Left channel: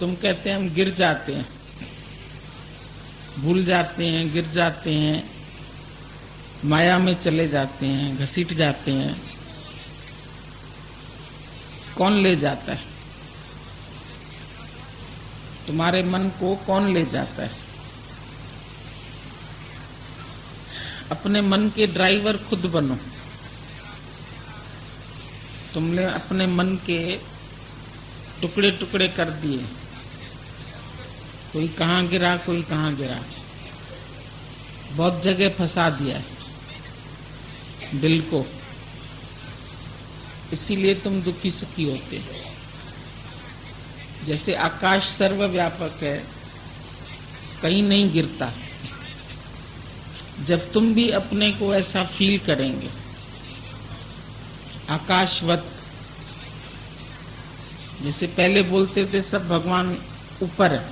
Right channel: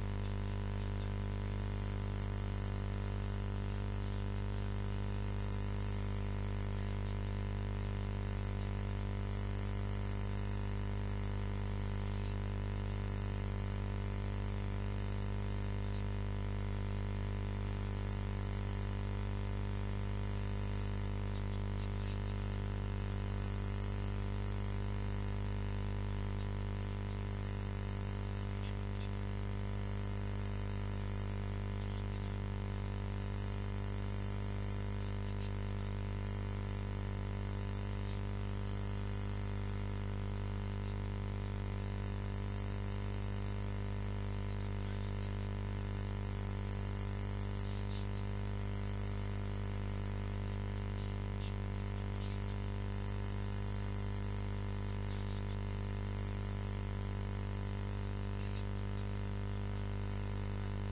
तुम कहते हैं हम गिर जाते हैं, भूल जाते हैं, गिर जाते हैं, माया में चले जाते हैं, घसीट जाते हैं। कौन ले जाता है? तुम्हारे मन को कौन ले जाता है? अपने मन के ड्राइवर खुद बनो। तुमने अपने मन के टुकड़े टुकड़े कर दिए, कोई कहाँ गिरा, कोई कहाँ गिरा, बहुत जगह फंसा दिया है दिल को। इसीलिए तुम दुखी सुखी होते हो। जैसे आकाश सर्वव्यापक है, कहीं नहीं गिरता। जब तुम भी अपने को ऐसा फील करेंगे आकाशवत, जैसे पहले बोलते थे सब भगवान ऊपर है,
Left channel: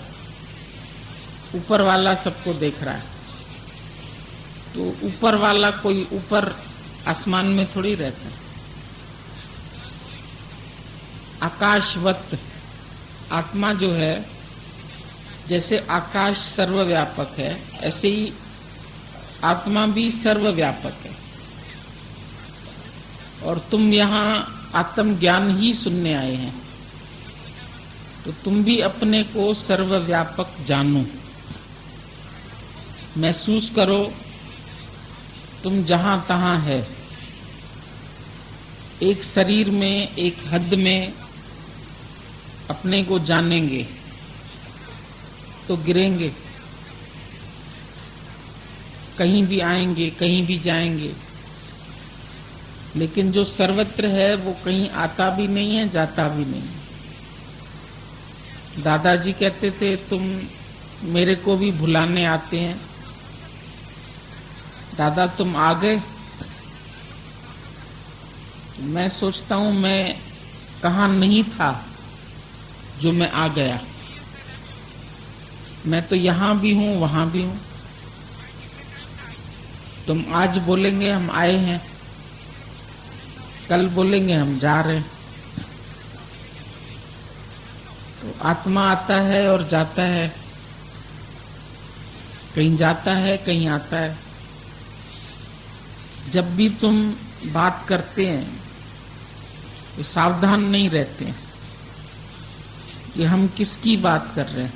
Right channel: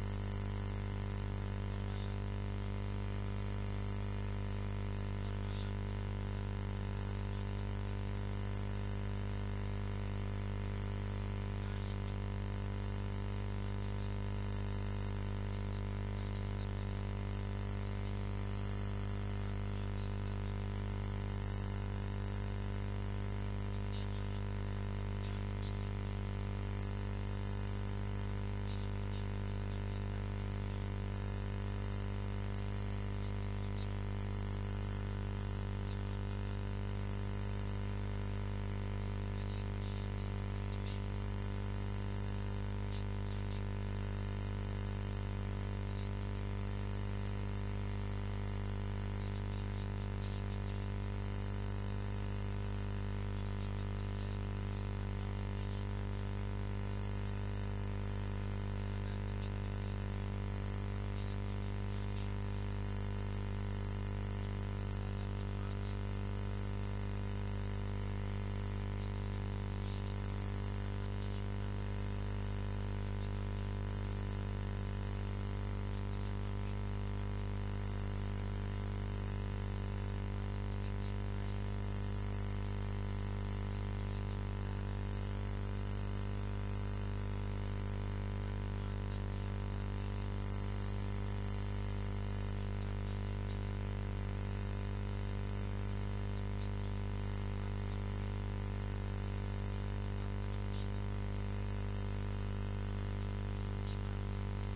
ऊपर वाला सबको देख रहा है, तो ऊपर वाला कोई ऊपर आसमान में थोड़ी रहता है। आकाशवत आत्मा जो है, जैसे आकाश सर्वव्यापक है, ऐसे ही आत्मा भी सर्वव्यापक है। और तुम यहाँ आत्मज्ञान ही सुनने आए हैं, तो तुम भी अपने को सर्वव्यापक जानो, महसूस करो। तुम जहां तहां है, एक शरीर में, एक हद में अपने को जानेंगे तो गिरेंगे, कहीं भी आएंगे, कहीं भी जाएंगे। लेकिन जो सर्वत्र है वो कहीं आता भी नहीं है, जाता भी नहीं है। दादाजी कहते थे तुम मेरे को भी भुलाने आते हैं। दादा तुम आ गए। मैं सोचता हूं मैं कहाँ नहीं था जो मैं आ गया। मैं तो यहां भी हूं, वहां भी हूं। तुम आज बोलेंगे हम आए हैं, कल बोलेंगे हम जा रहे हैं। तो आत्मा आता है और जाता है, कहीं जाता है, कहीं आता है। जब भी तुम बात करते हैं तो सावधान नहीं रहते हैं कि हम किसकी बात कर रहे हैं,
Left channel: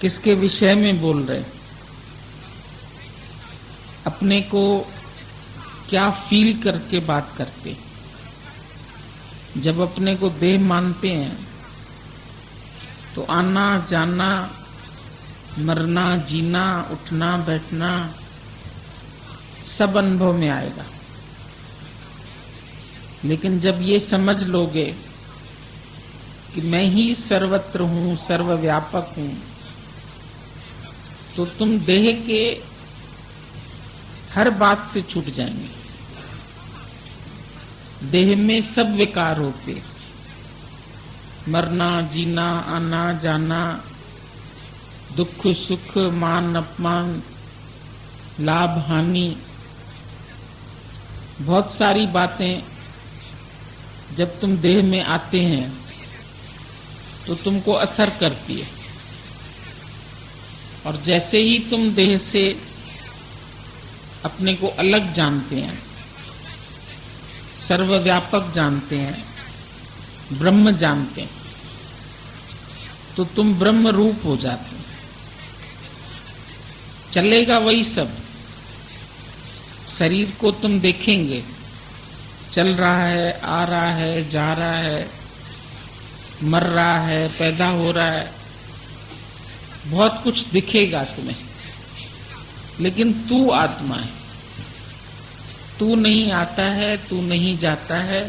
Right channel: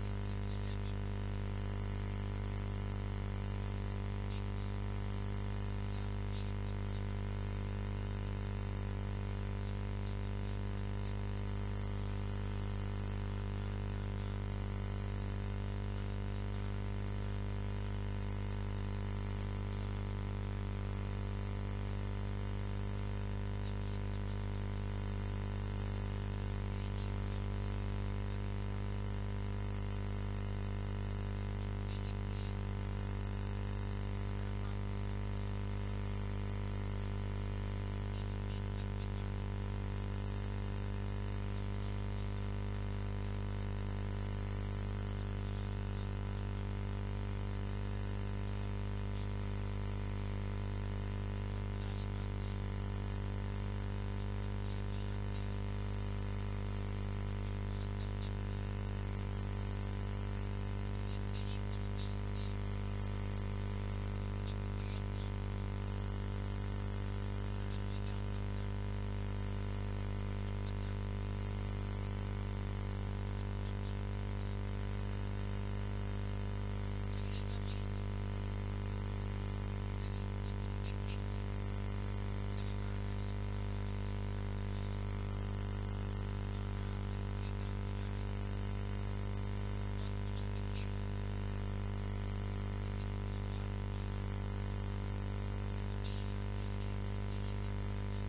किसके विषय में बोल रहे हैं, अपने को क्या फील करके बात करते हैं। जब अपने को देह मानते हैं तो आना जाना, मरना जीना, उठना बैठना सब अनुभव में आएगा। लेकिन जब ये समझ लोगे कि मैं ही सर्वत्र हूं, सर्वव्यापक हूं, तो तुम देह के हर बात से छूट जाएंगे। देह में सब विकार होते, मरना जीना, आना जाना, दुख सुख, मान अपमान, लाभ हानि, बहुत सारी बातें जब तुम देह में आते हैं तो तुमको असर करती है। और जैसे ही तुम देह से अपने को अलग जानते हैं, सर्वव्यापक जानते हैं, ब्रह्म जानते हैं, तो तुम ब्रह्म रूप हो जाते हैं। चलेगा वही सब। शरीर को तुम देखेंगे, चल रहा है, आ रहा है, जा रहा है, मर रहा है, पैदा हो रहा है, बहुत कुछ दिखेगा तुम्हें। लेकिन तू आत्मा है, तू नहीं आता है, तू नहीं जाता है,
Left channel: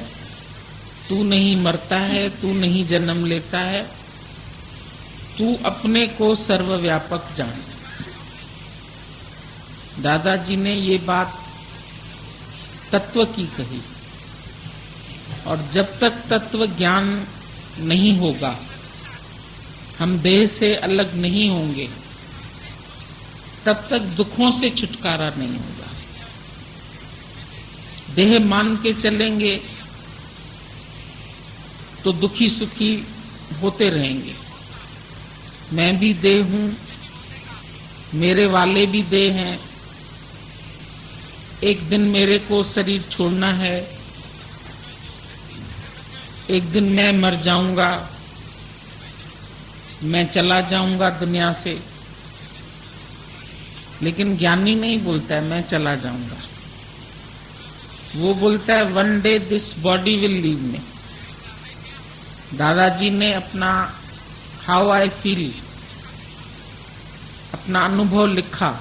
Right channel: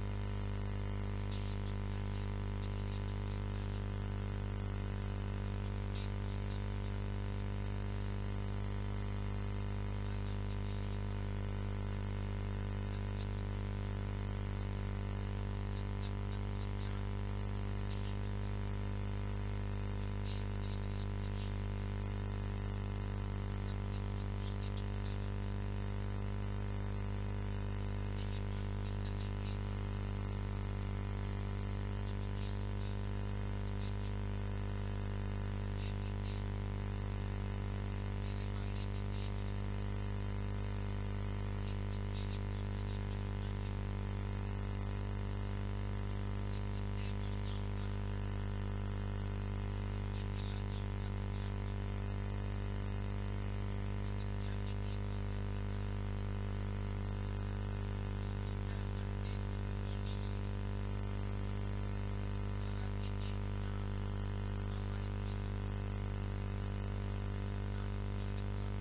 तू नहीं मरता है, तू नहीं जन्म लेता है। तू अपने को सर्वव्यापक जान। दादाजी ने ये बात तत्व की कही। और जब तक तत्व ज्ञान नहीं होगा, हम देह से अलग नहीं होंगे, तब तक दुखों से छुटकारा नहीं होगा। देह मान के चलेंगे तो दुखी सुखी होते रहेंगे। मैं भी देह हूं, मेरे वाले भी देह हैं। एक दिन मेरे को शरीर छोड़ना है, एक दिन मैं मर जाऊंगा, मैं चला जाऊंगा दुनिया से। लेकिन ज्ञानी नहीं बोलता है मैं चला जाऊंगा, वो बोलता है one day this body will leave me. दादाजी ने अपना हाउ आई फील, अपना अनुभव लिखा,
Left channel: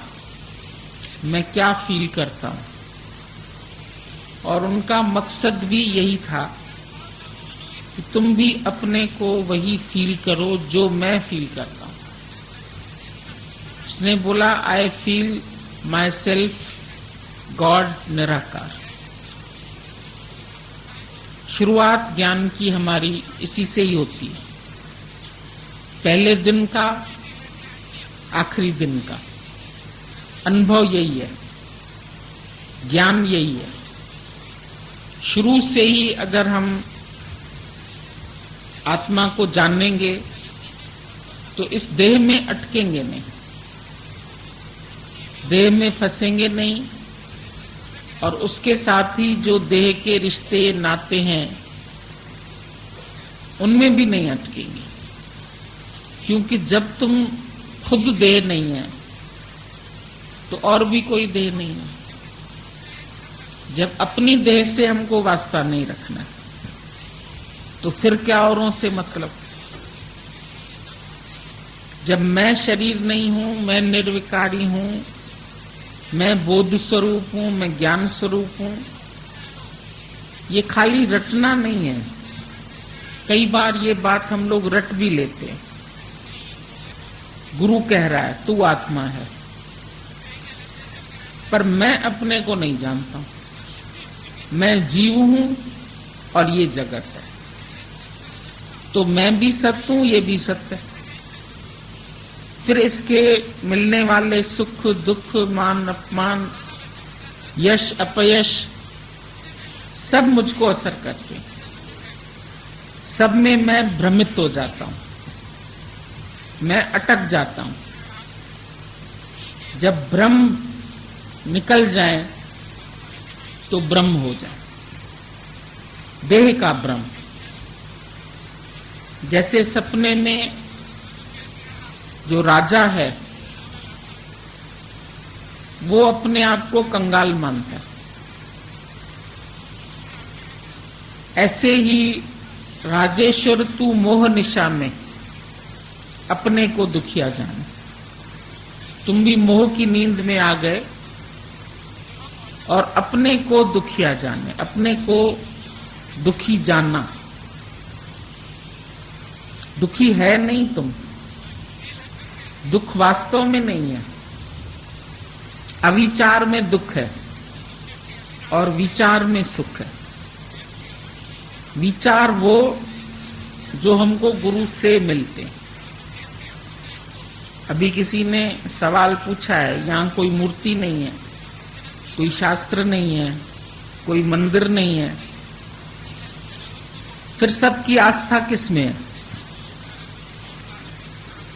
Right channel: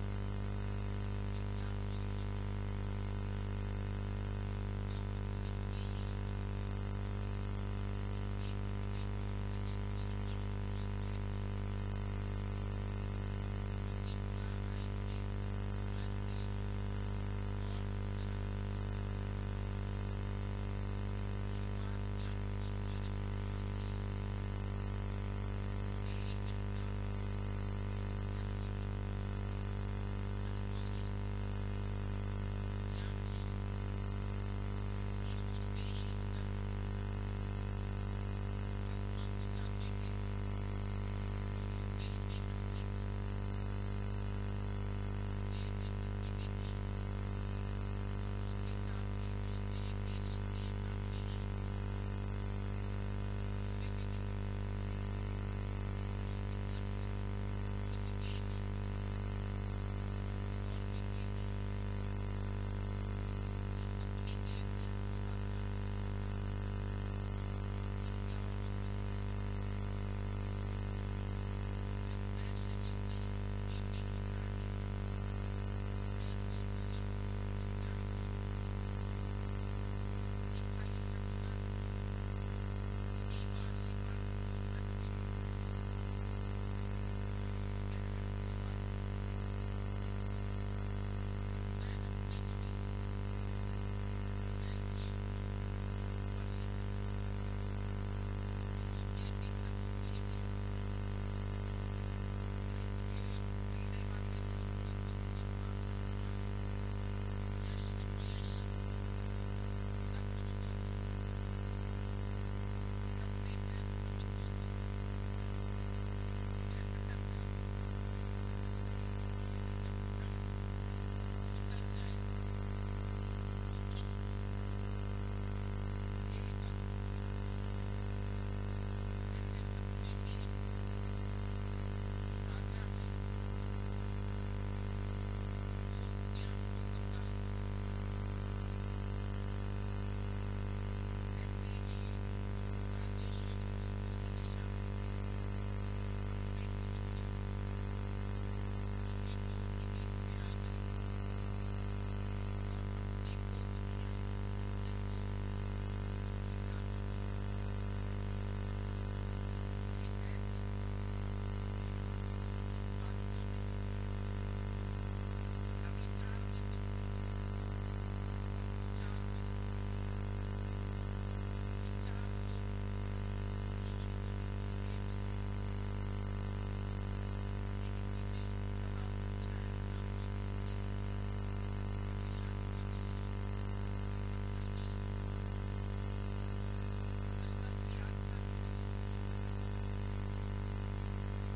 मैं क्या फील करता हूं। और उनका मकसद भी यही था कि तुम भी अपने को वही फील करो जो मैं फील करता हूं। उसने बोला I feel my self God निराकार। शुरुआत ज्ञान की हमारी इसी से ही होती है, पहले दिन का, आखिरी दिन का अनुभव यही है, ज्ञान यही है। शुरू से ही अगर हम आत्मा को जानेंगे तो इस देह में अटकेंगे नहीं, देह में फंसेंगे नहीं, और उसके साथ ही जो देह के रिश्ते नाते हैं उनमें भी नहीं अटकेंगे। क्योंकि जब तुम खुद देह नहीं है तो और भी कोई देह नहीं है। जब अपनी देह से हमको वास्ता नहीं रखना तो फिर क्या औरों से मतलब। जब मैं शरीर नहीं हूं, मैं निर्विकारी हूं, मैं बोध स्वरूप हूं, मैं ज्ञान स्वरूप हूं, ये खाली रटना नहीं है। कई बार ये बात हम लोग रट भी लेते हैं। गुरु कह रहा है तू आत्मा है, पर मैं अपने को नहीं जानता हूं। मैं जीव हूं और ये जगत है, तो मैं भी सत्य हूं, ये भी सत्य है। फिर इसके मिलने वाले सुख दुख, मान अपमान, यश अपयश सब मुझको असर करते हैं। सब में मैं भ्रमित हो जाता हूं, मैं अटक जाता हूं। जब भ्रम निकल जाए तो ब्रह्म हो जाए। देह का भ्रम, जैसे सपने में जो राजा है वो अपने आप को कंगाल मानता है, ऐसे ही राजेश्वर तू मोह निशा में अपने को दुखिया जाने। तुम भी मोह की नींद में आ गए और अपने को दुखिया जाने, अपने को दुखी जानना। दुखी है नहीं तुम, दुख वास्तव में नहीं है। अविचार में दुख है और विचार में सुख है। विचार वो जो हमको गुरु से मिलते हैं। अभी किसी ने सवाल पूछा है, यहां कोई मूर्ति नहीं है, कोई शास्त्र नहीं है, कोई मंदिर नहीं है, फिर सबकी आस्था किस में है?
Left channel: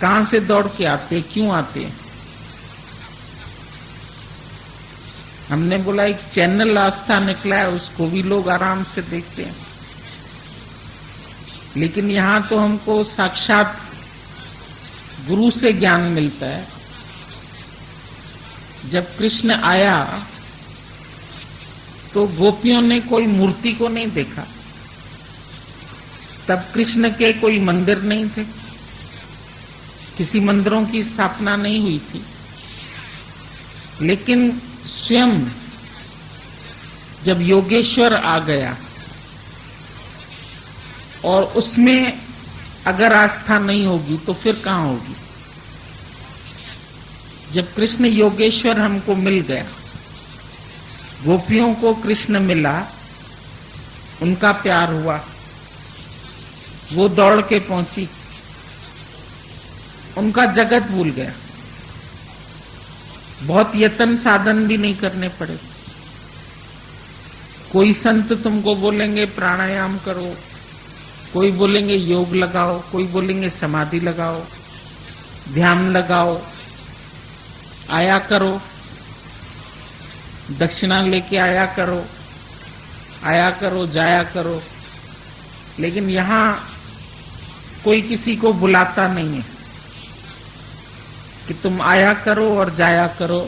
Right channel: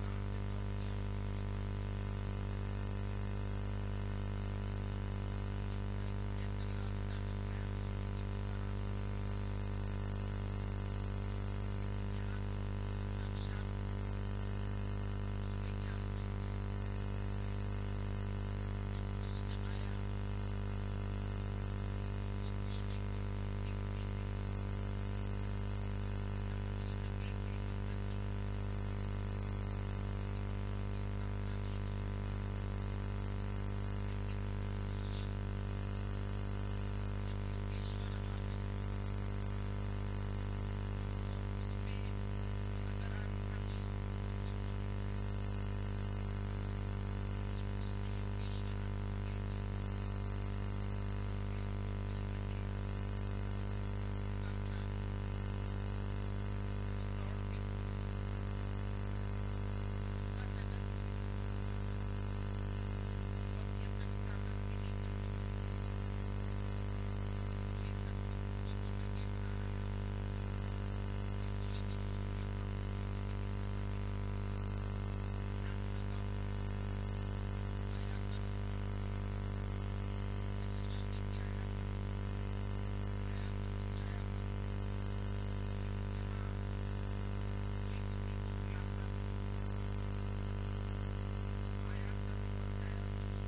कहां से दौड़ के आते, क्यों आते? हमने बोला एक चैनल आस्था निकला है, उसको भी लोग आराम से देखते हैं। लेकिन यहां तो हमको साक्षात गुरु से ज्ञान मिलता है। जब कृष्ण आया तो गोपियों ने कोई मूर्ति को नहीं देखा, तब कृष्ण के कोई मंदिर नहीं थे, किसी मंदिरों की स्थापना नहीं हुई थी। लेकिन स्वयं जब योगेश्वर आ गया और उसमें अगर आस्था नहीं होगी तो फिर कहां होगी? जब कृष्ण योगेश्वर हमको मिल गया, गोपियों को कृष्ण मिला, उनका प्यार हुआ, वो दौड़ के पहुंची, उनका जगत भूल गया। बहुत यत्न साधन भी नहीं करने पड़े। कोई संत तुमको बोलेंगे प्राणायाम करो, कोई बोलेंगे योग लगाओ, कोई बोलेंगे समाधि लगाओ, ध्यान लगाओ, आया करो, दक्षिणा लेके आया करो, जाया करो। लेकिन यहाँ कोई किसी को बुलाता नहीं है कि तुम आया करो और जाया करो।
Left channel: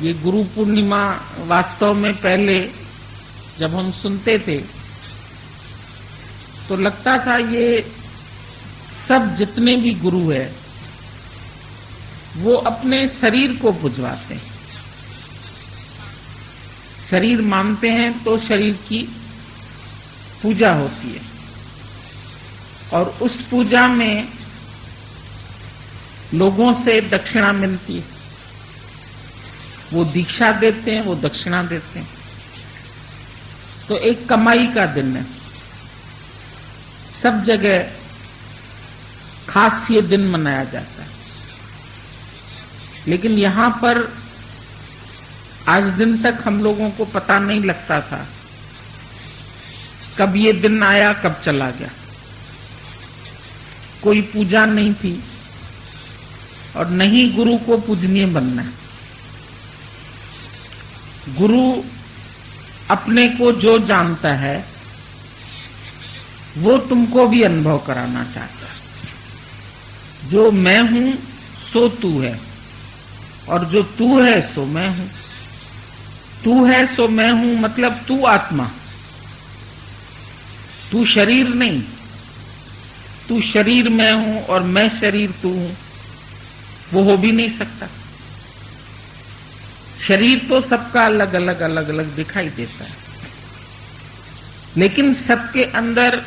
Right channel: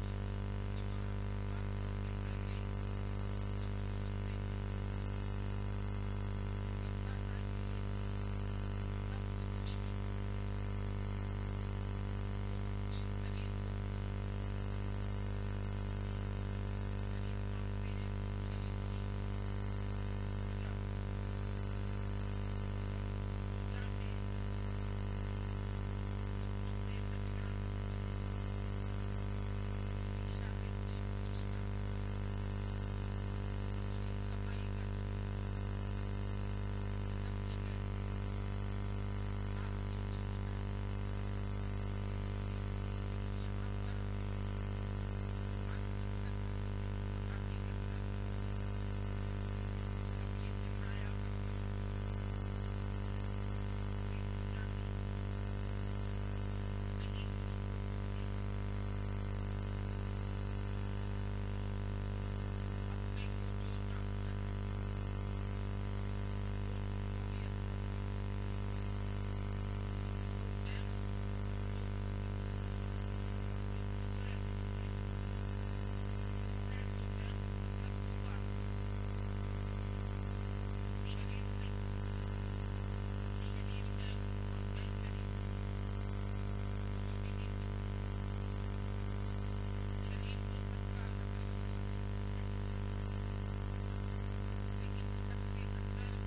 ये गुरु पूर्णिमा वास्तव में पहले जब हम सुनते थे तो लगता था ये सब जितने भी गुरु है वो अपने शरीर को पुजवाते हैं। शरीर मानते हैं तो शरीर की पूजा होती है और उस पूजा में लोगों से दक्षिणा मिलती है। वो दीक्षा देते हैं, वो दक्षिणा देते हैं। तो एक कमाई का दिन है, सब जगह खास ये दिन मनाया जाता है। लेकिन यहां पर आज दिन तक हम लोगों को पता नहीं लगता था कब ये दिन आया, कब चला गया। कोई पूजा नहीं थी और नहीं गुरु को पूजनीय बनना है। गुरु अपने को जो जानता है वो तुमको भी अनुभव कराना चाहता है। जो मैं हूं सो तू है और जो तू है सो मैं हूं। तू है सो मैं हूं मतलब तू आत्मा, तू शरीर नहीं। तू शरीर मैं हूं और मैं शरीर तू हूं, वो हो भी नहीं सकता। शरीर तो सबका अलग अलग दिखाई देता है, लेकिन सबके अंदर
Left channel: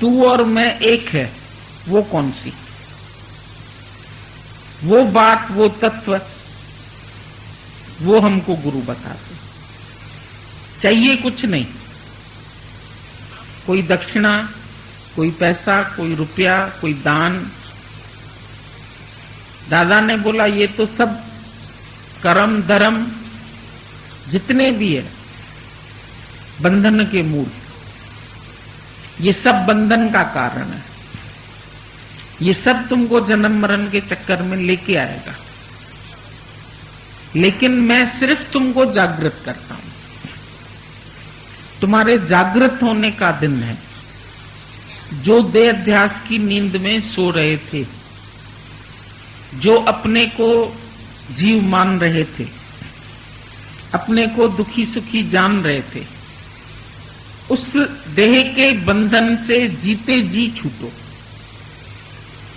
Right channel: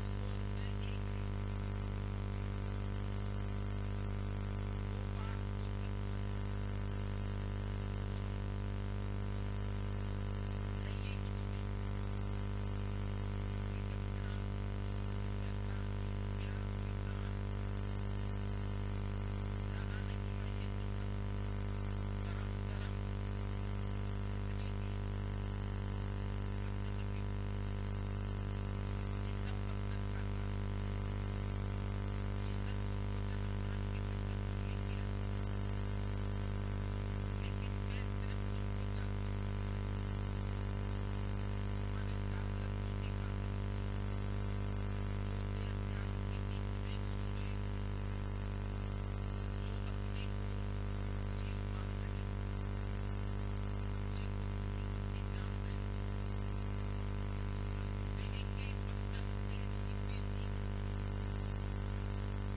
तू और मैं एक है। वो कौन सी? वो बात, वो तत्व, वो हमको गुरु बताते। चाहिए कुछ नहीं, कोई दक्षिणा, कोई पैसा, कोई रुपया, कोई दान। दादा ने बोला ये तो सब कर्म धर्म जितने भी है बंधन के मूल, ये सब बंधन का कारण है। ये सब तुमको जन्म मरण के चक्कर में लेके आएगा। लेकिन मैं सिर्फ तुमको जागृत करता हूं। तुम्हारे जागृत होने का दिन है। जो देह अध्यास की नींद में सो रहे थे, जो अपने को जीव मान रहे थे, अपने को दुखी सुखी जान रहे थे, उस देह के बंधन से जीते जी छूटो।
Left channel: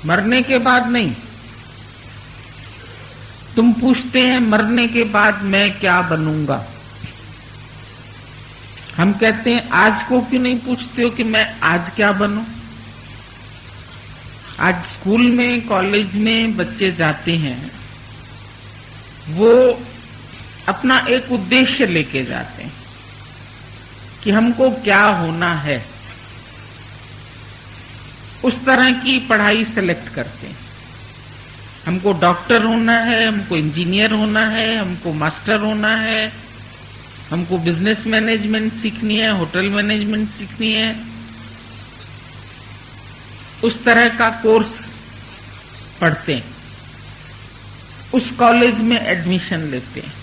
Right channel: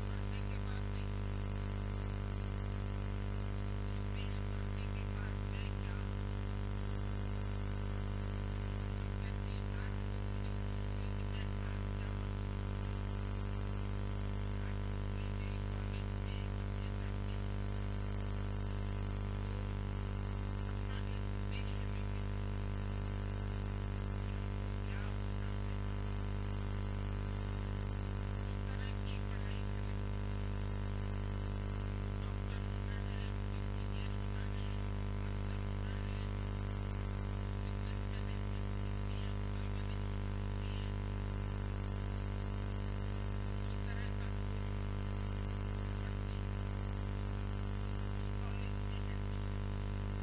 मरने के बाद नहीं। तुम पूछते हैं मरने के बाद मैं क्या बनूंगा। हम कहते हैं आज को क्यों नहीं पूछते हो कि मैं आज क्या बनूं। आज स्कूल में कॉलेज में बच्चे जाते हैं, वो अपना एक उद्देश्य लेके जाते हैं कि हमको क्या होना है। उस तरह की पढ़ाई सेलेक्ट करते हैं। हमको डॉक्टर होना है, हमको इंजीनियर होना है, हमको मास्टर होना है, हमको बिजनेस मैनेजमेंट सीखनी है, होटल मैनेजमेंट सीखनी है। उस तरह का कोर्स पढ़ते हैं, उस कॉलेज में एडमिशन लेते हैं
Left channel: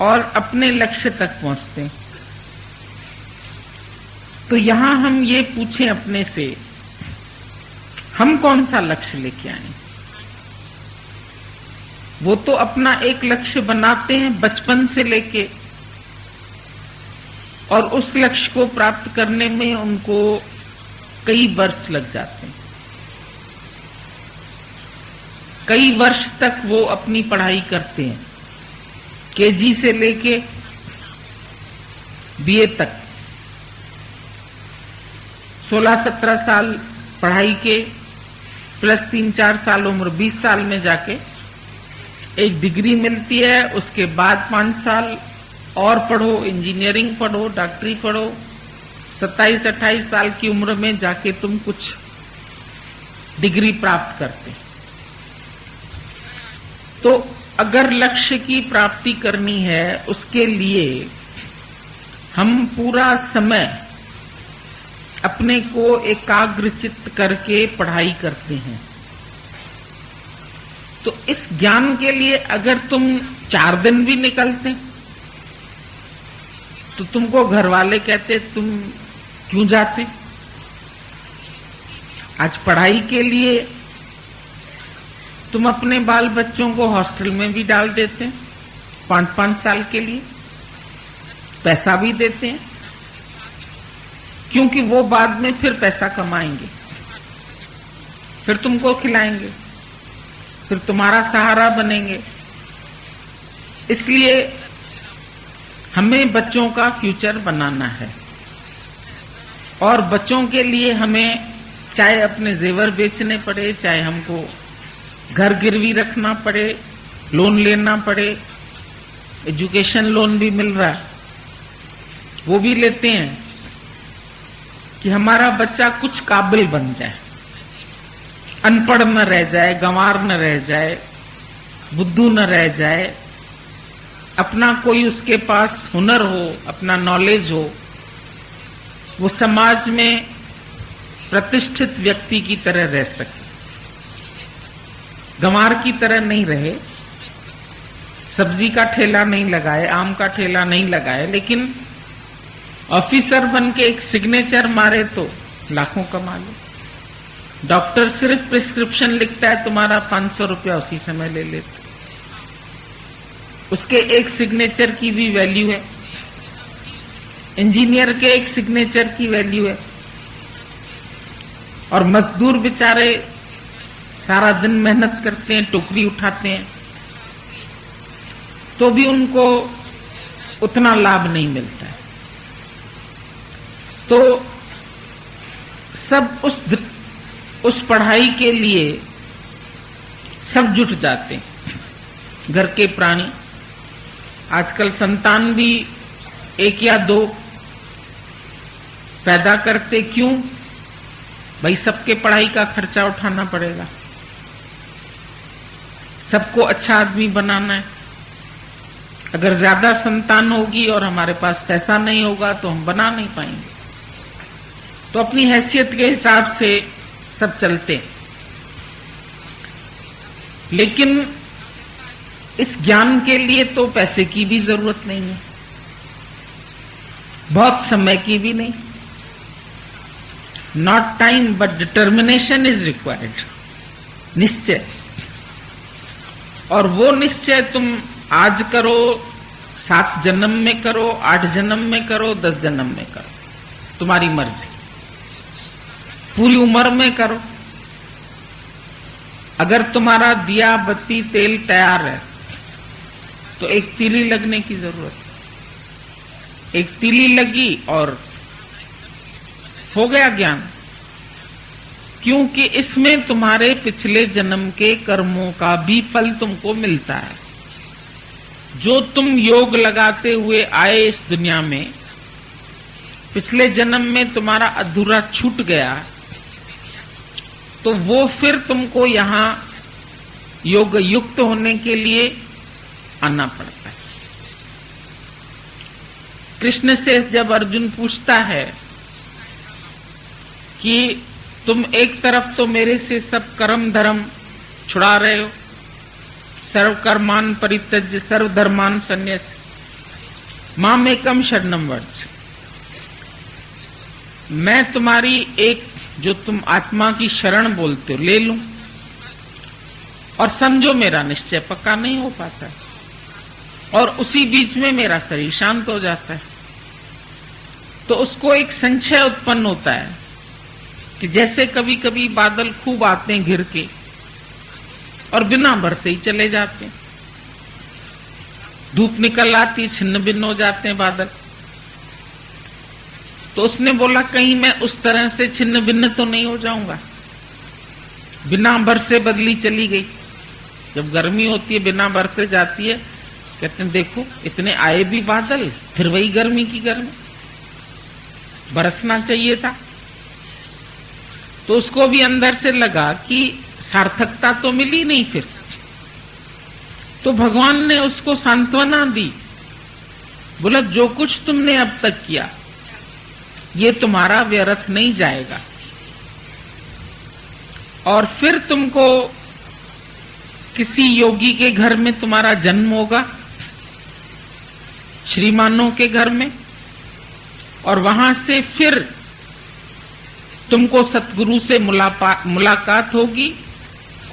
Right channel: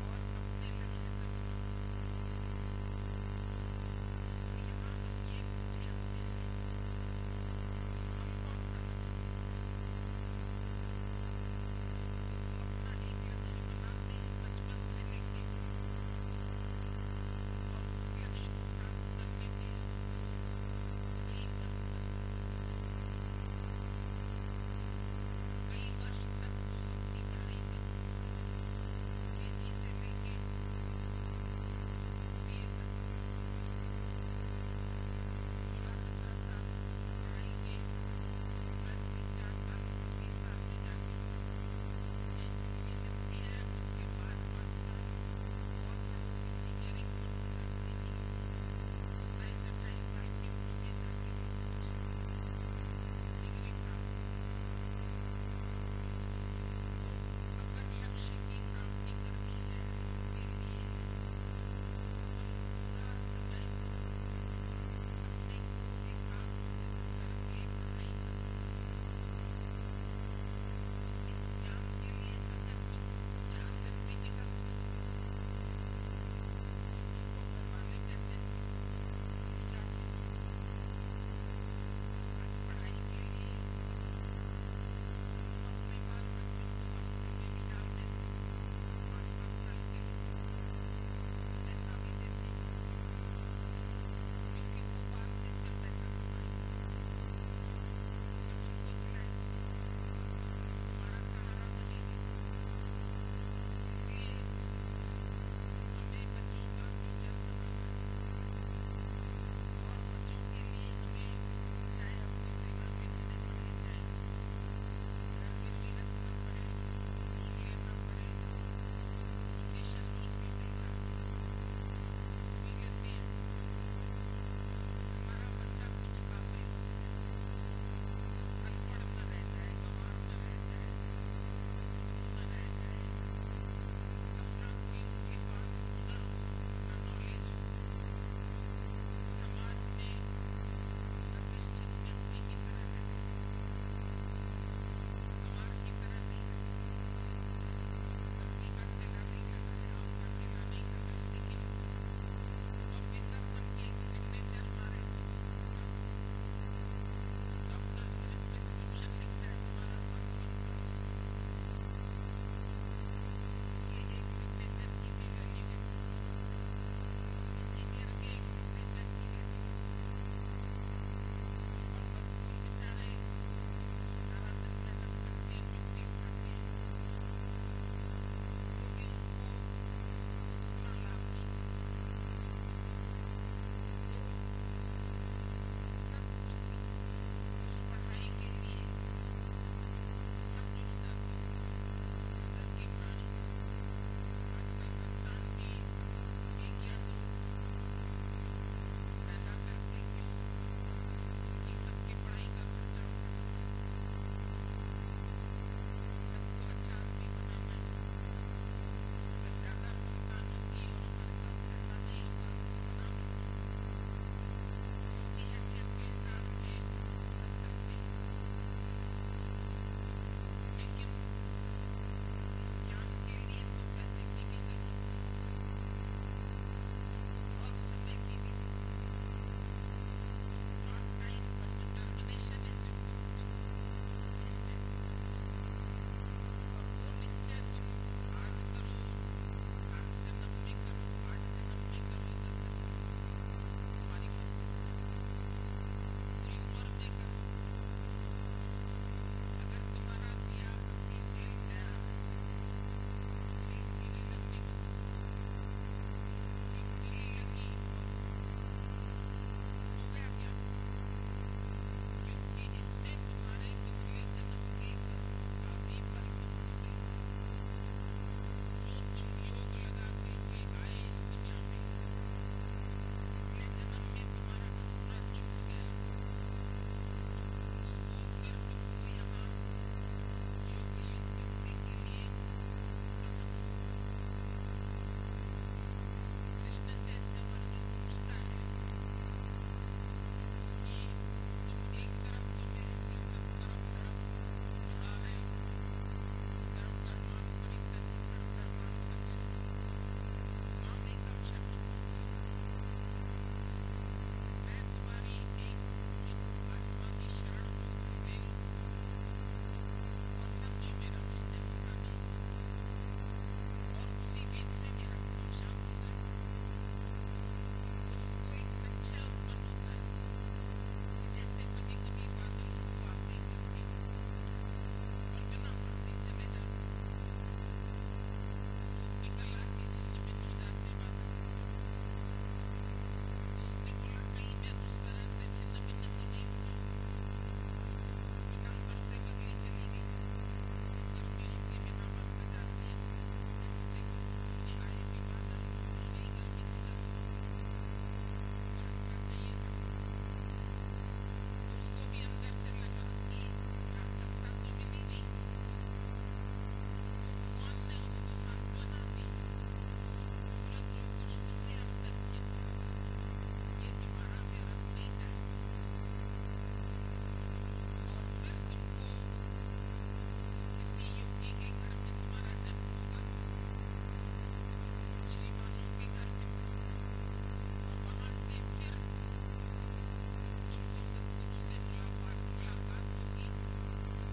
और अपने लक्ष्य तक पहुंचते हैं। तो यहां हम ये पूछें अपने से, हम कौन सा लक्ष्य लेके आए। वो तो अपना एक लक्ष्य बनाते हैं बचपन से लेके, और उस लक्ष्य को प्राप्त करने में उनको कई वर्ष लग जाते हैं। कई वर्ष तक वो अपनी पढ़ाई करते हैं, केजी से लेके बीए तक। 16-17 साल पढ़ाई के प्लस 3-4 साल उम्र, 20 साल में जाके एक डिग्री मिलती है। उसके बाद 5 साल और पढ़ो, इंजीनियरिंग पढ़ो, डॉक्टरी पढ़ो। 27-28 साल की उम्र में जाके तुम कुछ डिग्री प्राप्त करते। तो अगर लक्ष्य की प्राप्ति करनी है, उसके लिए हम पूरा समय अपने को एकाग्रचित्त करके पढ़ाई करते हैं। तो इस ज्ञान के लिए अगर तुम 4 दिन भी निकलते तो तुमको घर वाले कहते तुम क्यों जाते। आज पढ़ाई के लिए तुम अपने बाल बच्चों को हॉस्टल में भी डाल देते हैं 5-5 साल के लिए, पैसा भी देते हैं, क्योंकि वो बाद में फिर पैसा कमाएंगे, फिर तुमको खिलाएंगे, फिर तुम्हारा सहारा बनेंगे। इसलिए हमें बच्चों का फ्यूचर बनाना है और बच्चों के लिए हमें चाहे अपने जेवर बेचने पड़े, चाहे हमको घर गिरवी रखना पड़े, लोन लेना पड़े। एजुकेशन लोन भी मिल रहा है, वो भी लेते हैं कि हमारा बच्चा कुछ काबिल बन जाए, अनपढ़ न रह जाए, गंवार न रह जाए, बुद्धू न रह जाए, अपना कोई उसके पास हुनर हो, अपना नॉलेज हो, वो समाज में प्रतिष्ठित व्यक्ति की तरह रह सके, गंवार की तरह नहीं रहे, सब्जी का ठेला नहीं लगाए, आम का ठेला नहीं लगाए, लेकिन ऑफिसर बन के एक सिग्नेचर मारे तो लाखों कमा ले। डॉक्टर सिर्फ प्रिस्क्रिप्शन लिखता है, तुम्हारा 500 रुपया उसी समय ले लेता, उसके एक सिग्नेचर की भी वैल्यू है। इंजीनियर के एक सिग्नेचर की वैल्यू है। और मजदूर बेचारे सारा दिन मेहनत करते हैं, टोकरी उठाते हैं, तो भी उनको उतना लाभ नहीं मिलता है। तो सब उस पढ़ाई के लिए सब जुट जाते हैं। घर के प्राणी आजकल संतान भी 1 या 2 पैदा करते, क्यों भाई? सबके पढ़ाई का खर्चा उठाना पड़ेगा, सबको अच्छा आदमी बनाना है। अगर ज्यादा संतान होगी और हमारे पास पैसा नहीं होगा तो हम बना नहीं पाएंगे। तो अपनी हैसियत के हिसाब से सब चलते हैं। लेकिन इस ज्ञान के लिए तो पैसे की भी जरूरत नहीं है, बहुत समय की भी नहीं। Not time but determination is required, निश्चय। और वो निश्चय तुम आज करो, 7 जन्म में करो, 8 जन्म में करो, 10 जन्म में करो, तुम्हारी मर्जी। पूरी उम्र में करो। अगर तुम्हारा दिया बत्ती तेल तैयार है तो एक तीली लगने की जरूरत है। एक तीली लगी और हो गया ज्ञान, क्योंकि इसमें तुम्हारे पिछले जन्म के कर्मों का भी फल तुमको मिलता है। जो तुम योग लगाते हुए आए इस दुनिया में, पिछले जन्म में तुम्हारा अधूरा छूट गया, तो वो फिर तुमको यहां योग युक्त होने के लिए आना पड़ता है। कृष्ण से जब अर्जुन पूछता है कि तुम एक तरफ तो मेरे से सब कर्म धर्म छुड़ा रहे हो, सर्व कर्मान परित्यज्य सर्व धर्मान संन्यास मामेकम शरणम व्रज, मैं तुम्हारी एक जो तुम आत्मा की शरण बोलते हो ले लूं, और समझो मेरा निश्चय पक्का नहीं हो पाता, और उसी बीच में मेरा शरीर शांत हो जाता है। तो उसको एक संशय उत्पन्न होता है कि जैसे कभी कभी बादल खूब आते हैं घिर के और बिना बरसे ही चले जाते हैं, धूप निकल आती, छिन्न भिन्न हो जाते हैं बादल। तो उसने बोला कहीं मैं उस तरह से छिन्न भिन्न तो नहीं हो जाऊंगा। बिना बरसे बदली चली गई। जब गर्मी होती है बिना बरसे जाती है, कहते हैं देखो इतने आए भी बादल, फिर वही गर्मी की गर्मी, बरसना चाहिए था। तो उसको भी अंदर से लगा कि सार्थकता तो मिली नहीं फिर। तो भगवान ने उसको सांत्वना दी, बोला जो कुछ तुमने अब तक किया ये तुम्हारा व्यर्थ नहीं जाएगा। और फिर तुमको किसी योगी के घर में तुम्हारा जन्म होगा, श्रीमानों के घर में, और वहां से फिर तुमको सतगुरु से मुलाकात होगी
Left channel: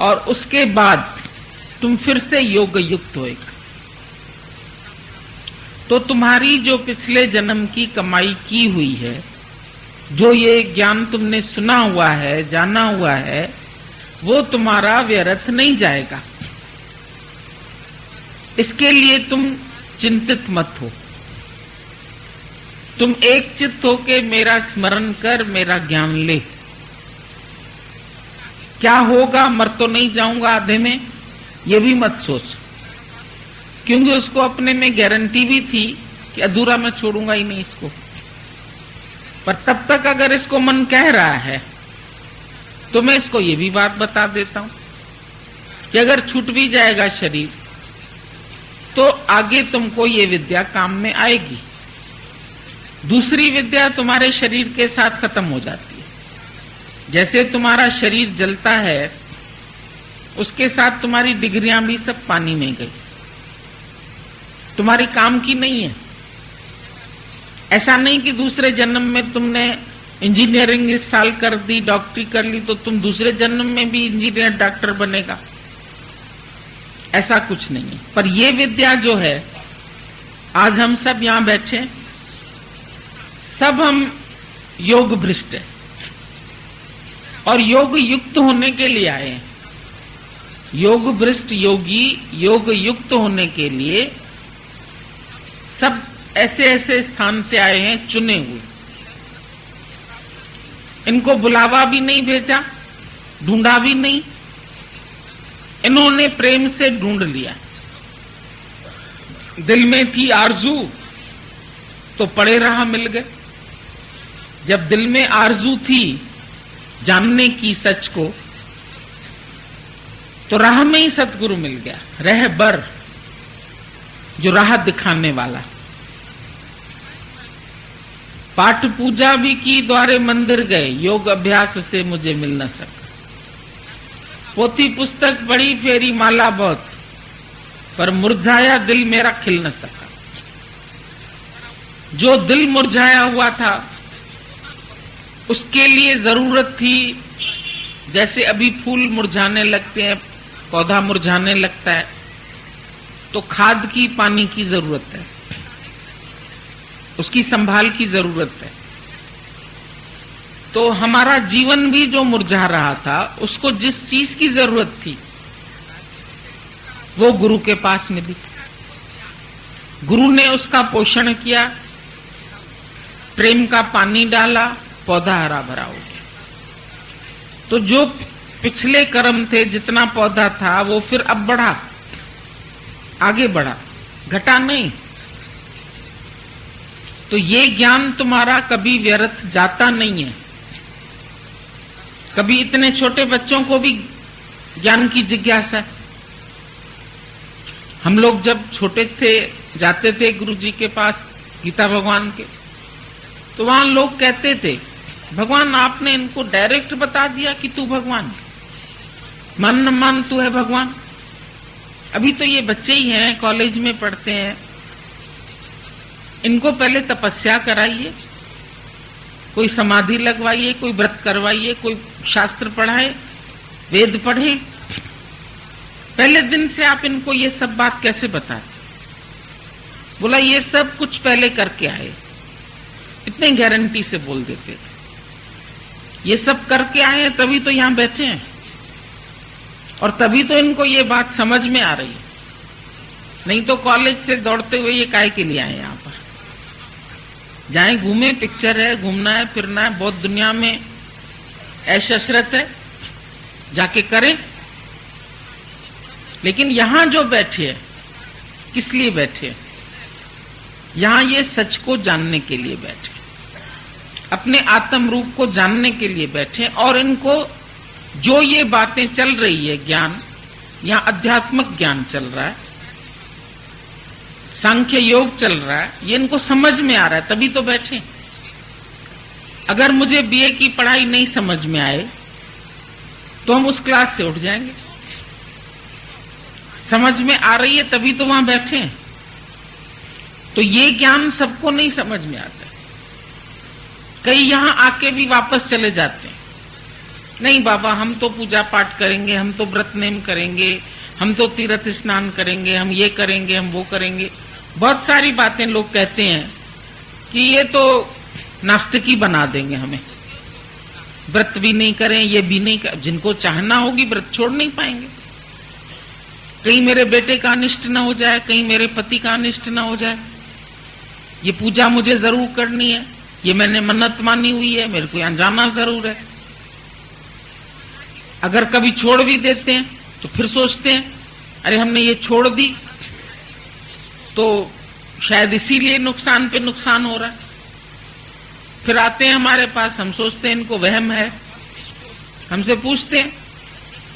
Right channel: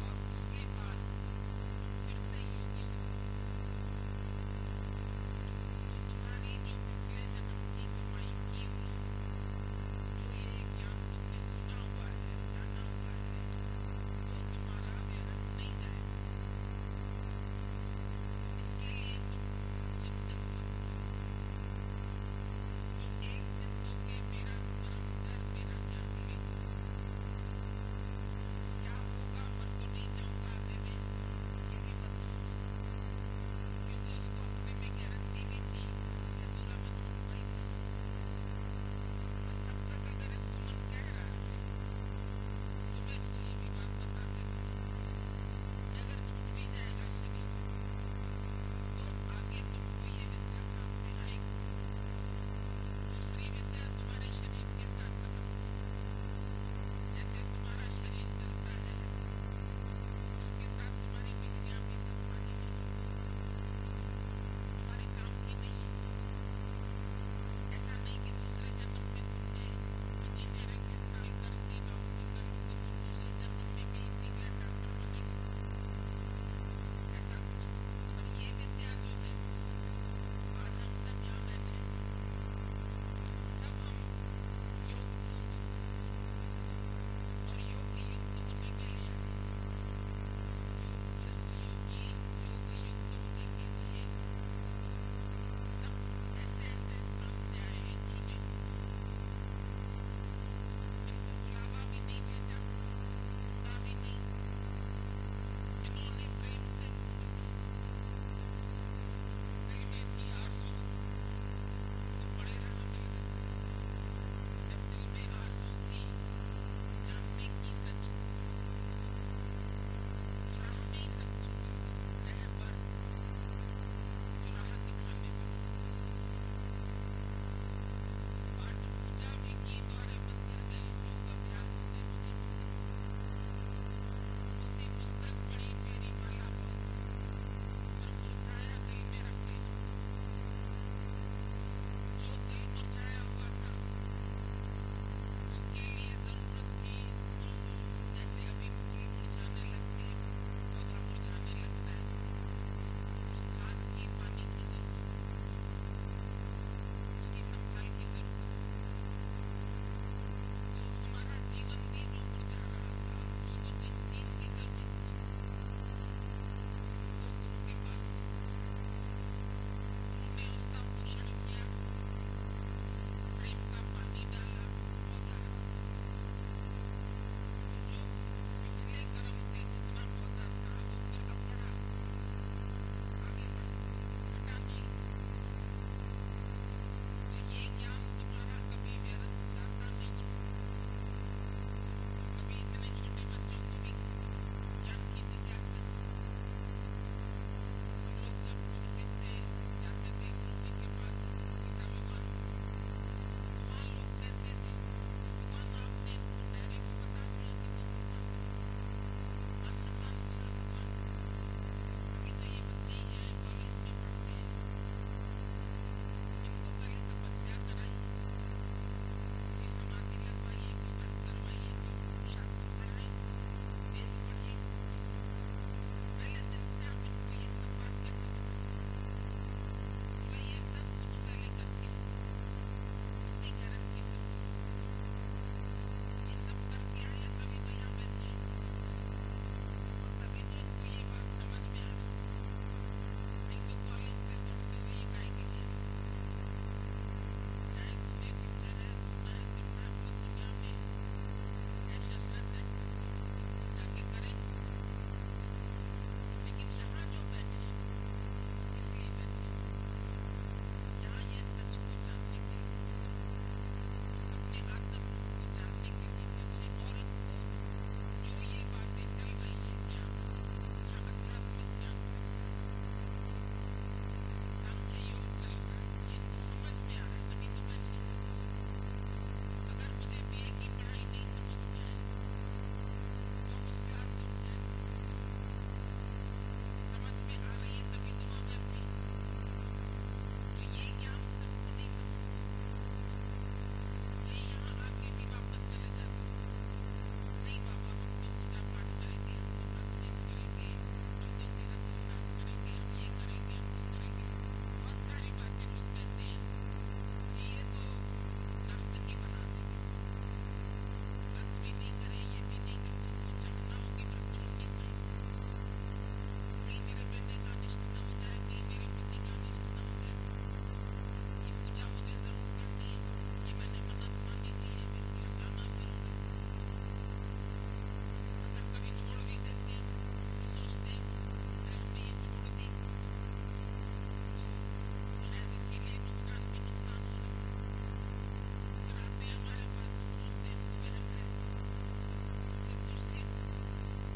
और उसके बाद तुम फिर से योग युक्त होएगा। तो तुम्हारी जो पिछले जन्म की कमाई की हुई है, जो ये ज्ञान तुमने सुना हुआ है, जाना हुआ है, वो तुम्हारा व्यर्थ नहीं जाएगा। इसके लिए तुम चिंतित मत हो। तुम एक चित्त होके मेरा स्मरण कर, मेरा ज्ञान ले। क्या होगा, मर तो नहीं जाऊंगा आधे में, ये भी मत सोच, क्योंकि उसको अपने में गारंटी भी थी कि अधूरा मैं छोड़ूंगा ही नहीं इसको। पर तब तक अगर इसको मन कह रहा है तो मैं इसको ये भी बात बता देता हूं कि अगर छूट भी जाएगा शरीर तो आगे तुमको ये विद्या काम में आएगी। दूसरी विद्या तुम्हारे शरीर के साथ खत्म हो जाती है। जैसे तुम्हारा शरीर जलता है, उसके साथ तुम्हारी डिग्रियां भी सब पानी में गई, तुम्हारी काम की नहीं है। ऐसा नहीं कि दूसरे जन्म में तुमने इंजीनियरिंग इस साल कर दी, डॉक्टरी कर ली, तो तुम दूसरे जन्म में भी इंजीनियर डॉक्टर बनेगा, ऐसा कुछ नहीं है। पर ये विद्या जो है, आज हम सब यहां बैठे, सब हम योग भ्रष्ट हैं और योग युक्त होने के लिए आए हैं। योग भ्रष्ट योगी योग युक्त होने के लिए सब ऐसे ऐसे स्थान से आए हैं, चुने हुए। इनको बुलावा भी नहीं भेजा, ढूंढा भी नहीं, इन्होंने प्रेम से ढूंढ लिया। दिल में थी आरजू तो पड़े रहा मिल गए। जब दिल में आरजू थी जानने की सच को, तो राह में ही सतगुरु मिल गया, रहबर, जो राह दिखाने वाला। पाठ पूजा भी की, द्वारे मंदिर गए, योग अभ्यास से मुझे मिल न सका। पोथी पुस्तक पढ़ी, फेरी माला बहुत, पर मुरझाया दिल मेरा खिल न सका। जो दिल मुरझाया हुआ था उसके लिए जरूरत थी, जैसे अभी फूल मुरझाने लगते हैं, पौधा मुरझाने लगता है, तो खाद की, पानी की जरूरत है, उसकी संभाल की जरूरत है। तो हमारा जीवन भी जो मुरझा रहा था, उसको जिस चीज की जरूरत थी वो गुरु के पास मिली। गुरु ने उसका पोषण किया, प्रेम का पानी डाला, पौधा हरा भरा हो गया। तो जो पिछले कर्म थे, जितना पौधा था, वो फिर अब बढ़ा, आगे बढ़ा, घटा नहीं। तो ये ज्ञान तुम्हारा कभी व्यर्थ जाता नहीं है। कभी इतने छोटे बच्चों को भी ज्ञान की जिज्ञासा है। हम लोग जब छोटे थे, जाते थे गुरु जी के पास, गीता भगवान के, तो वहां लोग कहते थे, भगवान आपने इनको डायरेक्ट बता दिया कि तू भगवान, मान न मान तू है भगवान। अभी तो ये बच्चे ही हैं, कॉलेज में पढ़ते हैं, इनको पहले तपस्या कराइए, कोई समाधि लगवाइए, कोई व्रत करवाइए, कोई शास्त्र पढ़ाए, वेद पढ़े। पहले दिन से आप इनको ये सब बात कैसे बताए? बोला ये सब कुछ पहले करके आए, इतने गारंटी से बोल देते थे। ये सब करके आए हैं तभी तो यहां बैठे हैं, और तभी तो इनको ये बात समझ में आ रही है। नहीं तो कॉलेज से दौड़ते हुए ये काहे के लिए आए यहां पर? जाएं, घूमें, पिक्चर है, घूमना है, फिरना है, बहुत दुनिया में ऐश अशरत है, जाके करें। लेकिन यहां जो बैठे हैं, किस लिए बैठे हैं? यहां ये सच को जानने के लिए बैठे, अपने आत्म रूप को जानने के लिए बैठे। और इनको जो ये बातें चल रही है, ज्ञान, यहां अध्यात्मक ज्ञान चल रहा है, सांख्य योग चल रहा है, ये इनको समझ में आ रहा है, तभी तो बैठे। अगर मुझे बीए की पढ़ाई नहीं समझ में आए तो हम उस क्लास से उठ जाएंगे। समझ में आ रही है तभी तो वहां बैठे हैं। तो ये ज्ञान सबको नहीं समझ में आता। कई यहां आके भी वापस चले जाते हैं, नहीं बाबा हम तो पूजा पाठ करेंगे, हम तो व्रत नेम करेंगे, हम तो तीर्थ स्नान करेंगे, हम ये करेंगे, हम वो करेंगे। बहुत सारी बातें लोग कहते हैं कि ये तो नास्तिकी बना देंगे हमें, व्रत भी नहीं करें, ये भी नहीं कर। जिनको चाहना होगी व्रत छोड़ नहीं पाएंगे। कहीं मेरे बेटे का अनिष्ट न हो जाए, कहीं मेरे पति का अनिष्ट न हो जाए, ये पूजा मुझे जरूर करनी है, ये मैंने मन्नत मानी हुई है, मेरे को यहां जाना जरूर है। अगर कभी छोड़ भी देते हैं तो फिर सोचते हैं अरे हमने ये छोड़ दी तो शायद इसीलिए नुकसान पे नुकसान हो रहा है। फिर आते हैं हमारे पास, हम सोचते हैं इनको वहम है, हमसे पूछते हैं,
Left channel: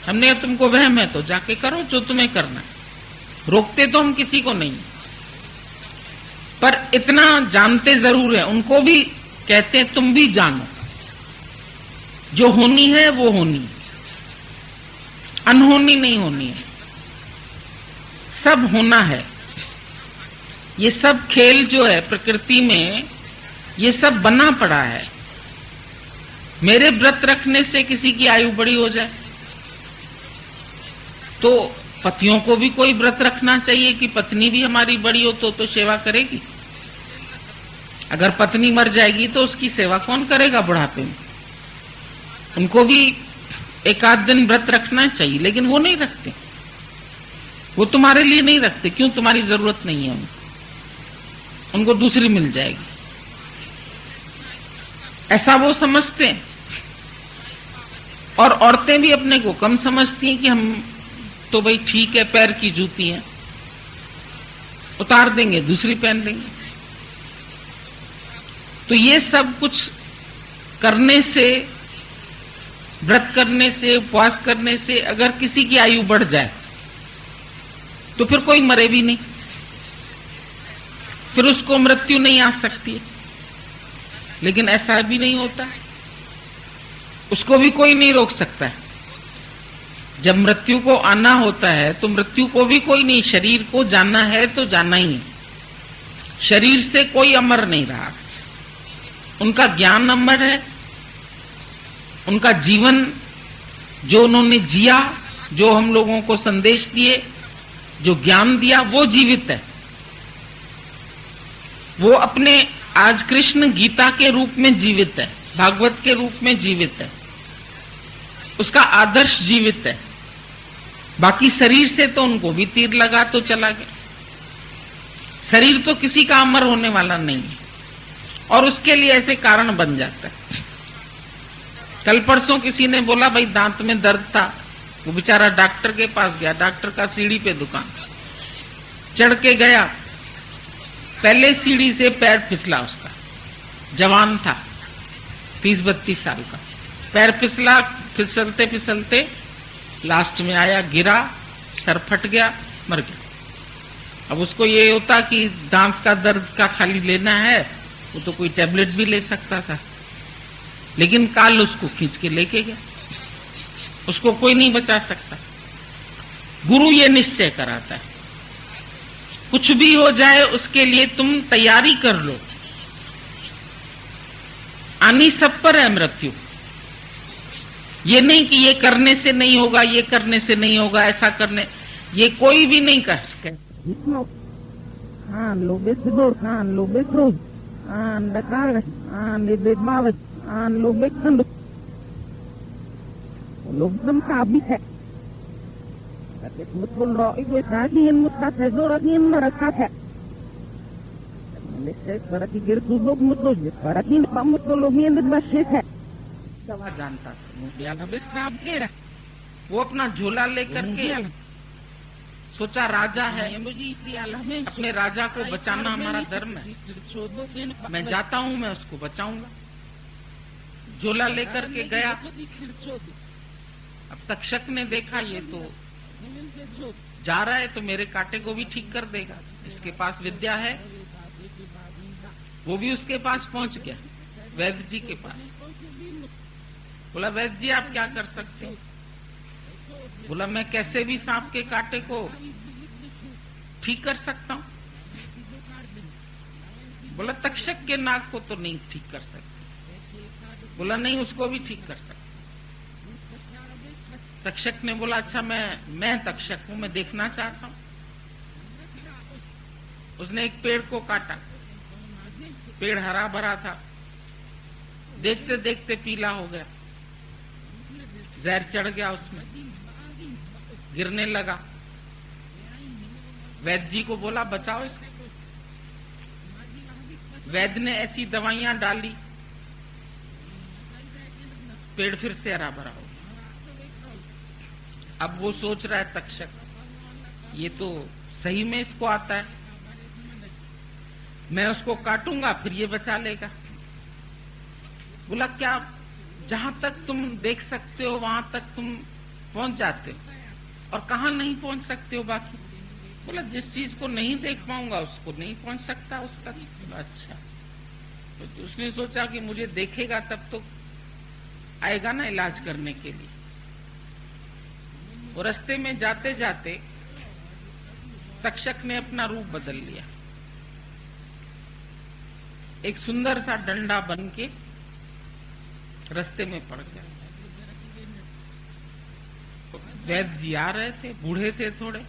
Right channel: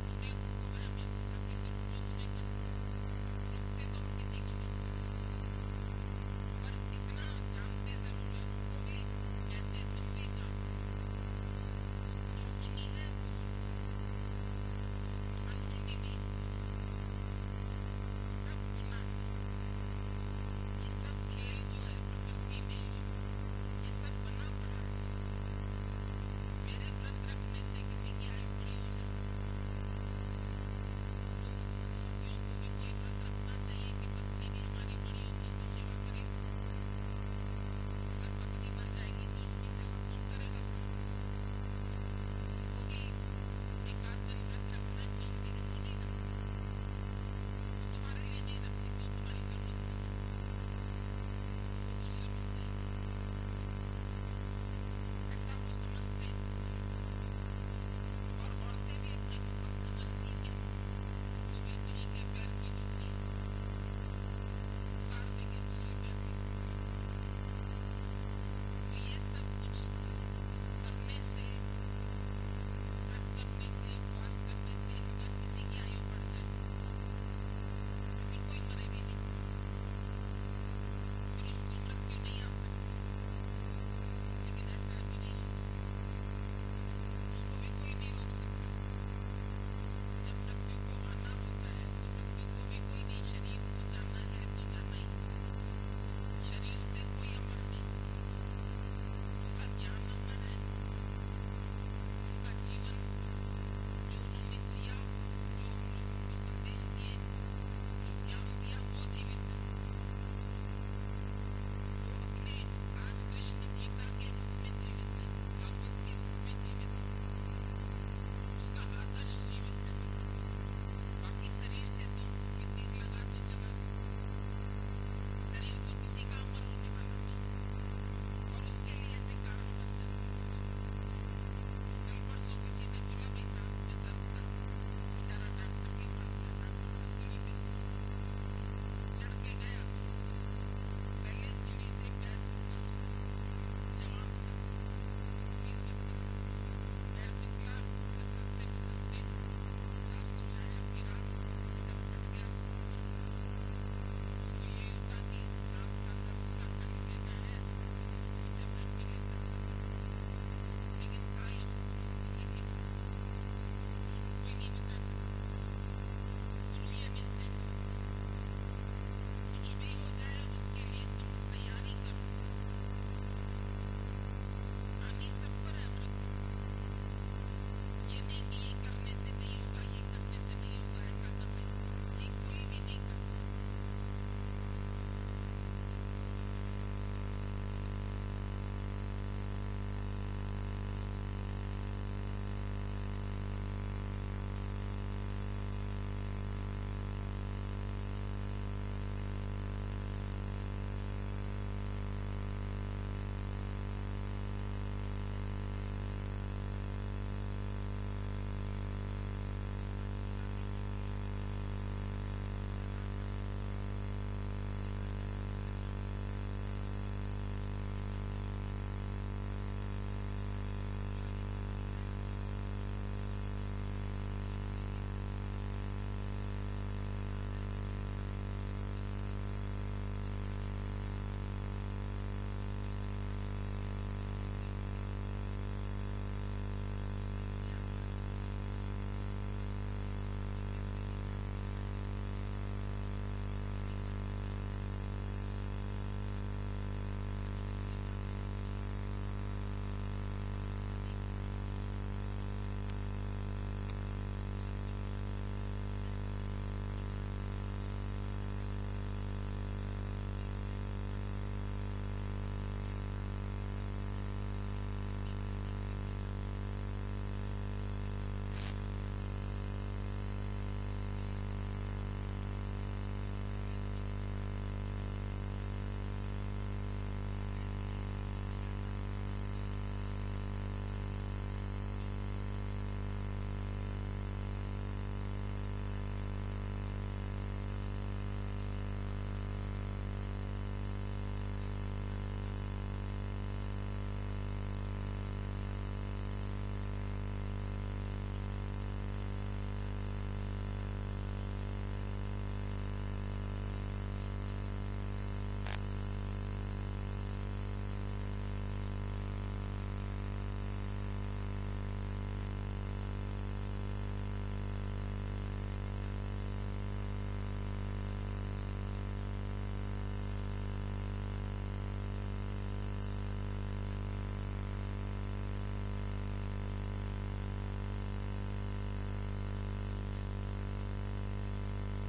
हमने तुमको वहम है तो जाके करो जो तुम्हें करना है, रोकते तो हम किसी को नहीं। पर इतना जानते जरूर है, उनको भी कहते हैं तुम भी जानो, जो होनी है वो होनी है, अनहोनी नहीं होनी है, सब होना है। ये सब खेल जो है प्रकृति में, ये सब बना पड़ा है। मेरे व्रत रखने से किसी की आयु बड़ी हो जाए तो पतियों को भी कोई व्रत रखना चाहिए कि पत्नी भी हमारी बड़ी हो तो सेवा करेगी। अगर पत्नी मर जाएगी तो उसकी सेवा कौन करेगा बुढ़ापे में? उनको भी एक आध दिन व्रत रखना चाहिए, लेकिन वो नहीं रखते। वो तुम्हारे लिए नहीं रखते, क्यों? तुम्हारी जरूरत नहीं है उनको दूसरी मिल जाएगी, ऐसा वो समझते हैं। और औरतें भी अपने को कम समझती हैं कि हम तो भाई ठीक है, पैर की जूती है, उतार देंगे दूसरी पहन देंगे। तो ये सब कुछ करने से, व्रत करने से, उपवास करने से अगर किसी की आयु बढ़ जाए तो फिर कोई मरे भी नहीं, फिर उसको मृत्यु नहीं आ सकती है। लेकिन ऐसा भी नहीं होता, उसको भी कोई नहीं रोक सकता है। जब मृत्यु को आना होता है तो मृत्यु को भी कोई नहीं, शरीर को जाना है तो जाना ही है। शरीर से कोई अमर नहीं रहा, उनका ज्ञान अमर है, उनका जीवन जो उन्होंने जिया, जो हम लोगों को संदेश दिए, जो ज्ञान दिया, वो जीवित है। वो अपने आज कृष्ण गीता के रूप में जीवित है, भागवत के रूप में जीवित है, उसका आदर्श जीवित है। बाकी शरीर से तो उनको भी तीर लगा तो चला गया। शरीर तो किसी का अमर होने वाला नहीं है, और उसके लिए ऐसे कारण बन जाता है। कल परसों किसी ने बोला भाई दांत में दर्द था, वो बेचारा डॉक्टर के पास गया, डॉक्टर का सीढ़ी पे दुकान, चढ़ के गया, पहले सीढ़ी से पैर फिसला उसका, जवान था 30-32 साल का, पैर फिसला, फिसलते फिसलते लास्ट में आया, गिरा, सर फट गया, मर गया। अब उसको ये होता कि दांत का दर्द का खाली लेना है, वो तो कोई टेबलेट भी ले सकता था, लेकिन काल उसको खींच के लेके गया, उसको कोई नहीं बचा सकता। गुरु ये निश्चय कराता है, कुछ भी हो जाए उसके लिए तुम तैयारी कर लो, आनी सब पर है मृत्यु। ये नहीं कि ये करने से नहीं होगा, ये करने से नहीं होगा, ऐसा करने, ये कोई भी नहीं कर सके। जानता वो अपना झोला लेकर के सोचा राजा है, अपने राजा को बचाना हमारा धर्म है, मैं जाता हूं, मैं उसको बचाऊंगा। झोला लेकर के गया। अब तक्षक ने देखा ये तो जा रहा है तो मेरे कांटे को भी ठीक कर देगा, इसके पास विद्या है। वो भी उसके पास पहुंच गया। वैद्य जी के पास। बोला वैद्य जी आप क्या कर सकते हो? बोला मैं कैसे भी सांप के कांटे को ठीक कर सकता हूं। बोला तक्षक के नाक को तो नहीं ठीक कर सकते। बोला नहीं उसको भी ठीक कर सकते। तक्षक ने बोला अच्छा मैं तक्षक हूं, मैं देखना चाहता हूं। उसने एक पेड़ को काटा, पेड़ हरा भरा था, देखते देखते पीला हो गया, जहर चढ़ गया उसमें, गिरने लगा। वैद्य जी को बोला बचाओ इसको। वैद्य ने ऐसी दवाइयां डाली, पेड़ फिर से हरा भरा हो गया। अब वो सोच रहा है तक्षक ये तो सही में इसको आता है, मैं उसको काटूंगा फिर ये बचा लेगा। बोला क्या जहां तक तुम देख सकते हो वहां तक तुम पहुंच जाते हो और कहां नहीं पहुंच सकते हो बाकी? बोला जिस चीज को नहीं देख पाऊंगा उसको नहीं पहुंच सकता उसका। अच्छा तो उसने सोचा कि मुझे देखेगा तब तो आएगा ना इलाज करने के लिए। वो रास्ते में जाते जाते तक्षक ने अपना रूप बदल लिया, एक सुंदर सा डंडा बन के रास्ते में पड़ गया। वैद्य जी आ रहे थे, बूढ़े थे थोड़े,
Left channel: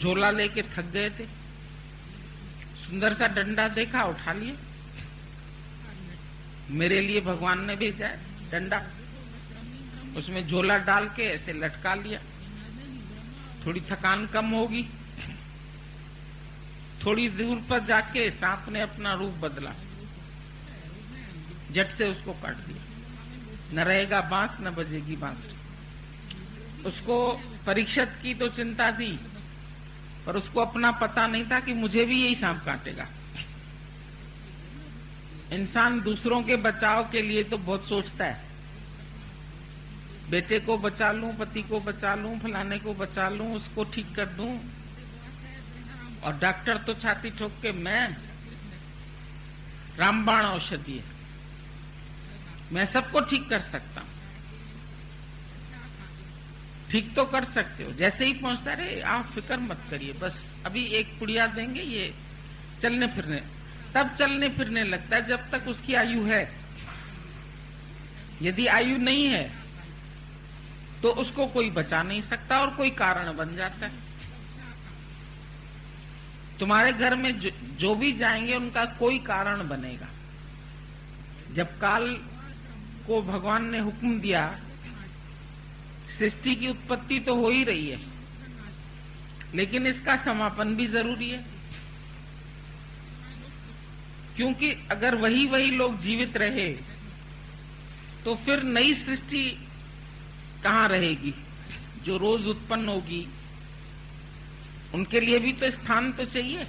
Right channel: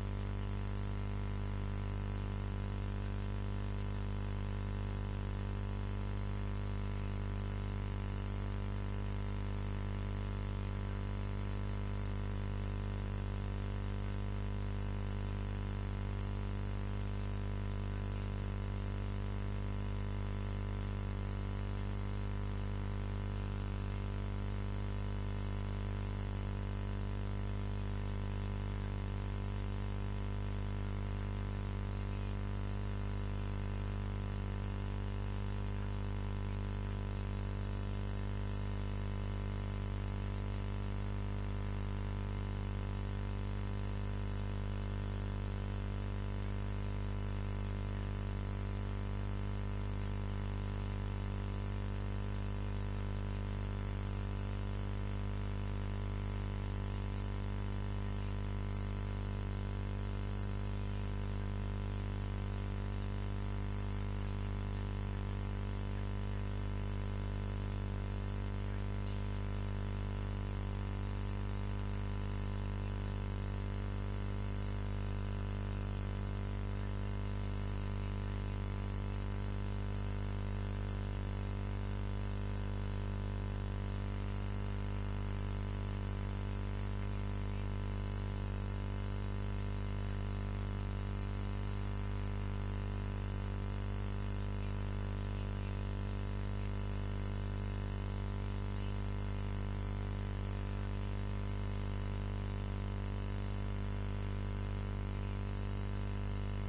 झोला लेके थक गए थे, सुंदर सा डंडा देखा उठा लिया। मेरे लिए भगवान ने भेजा है डंडा, उसमें झोला डाल के ऐसे लटका लिया, थोड़ी थकान कम होगी। थोड़ी दूर पर जाके सांप ने अपना रूप बदला, झट से उसको काट दिया। न रहेगा बांस न बजेगी बांसुरी। उसको परीक्षित की तो चिंता थी, पर उसको अपना पता नहीं था कि मुझे भी यही सांप काटेगा। इंसान दूसरों के बचाव के लिए तो बहुत सोचता है, बेटे को बचा लूं, पति को बचा लूं, फलाने को बचा लूं, उसको ठीक कर दूं। और डॉक्टर तो छाती ठोक के मैं रामबाण औषधि है, मैं सबको ठीक कर सकता हूं। ठीक तो कर सकते हो, जैसे ही पहुंचता रहे आप फिक्र मत करिए, बस अभी एक पुड़िया देंगे, ये चलने फिरने, तब चलने फिरने लगता है जब तक उसकी आयु है। यदि आयु नहीं है तो उसको कोई बचा नहीं सकता और कोई कारण बन जाता है। तुम्हारे घर में जो भी जाएंगे उनका कोई कारण बनेगा। जब काल को भगवान ने हुक्म दिया, सृष्टि की उत्पत्ति तो हो ही रही है, लेकिन इसका समापन भी जरूरी है, क्योंकि अगर वही लोग जीवित रहे तो फिर नई सृष्टि कहां रहेगी? जो रोज उत्पन्न होगी उनके लिए भी तो स्थान तो चाहिए।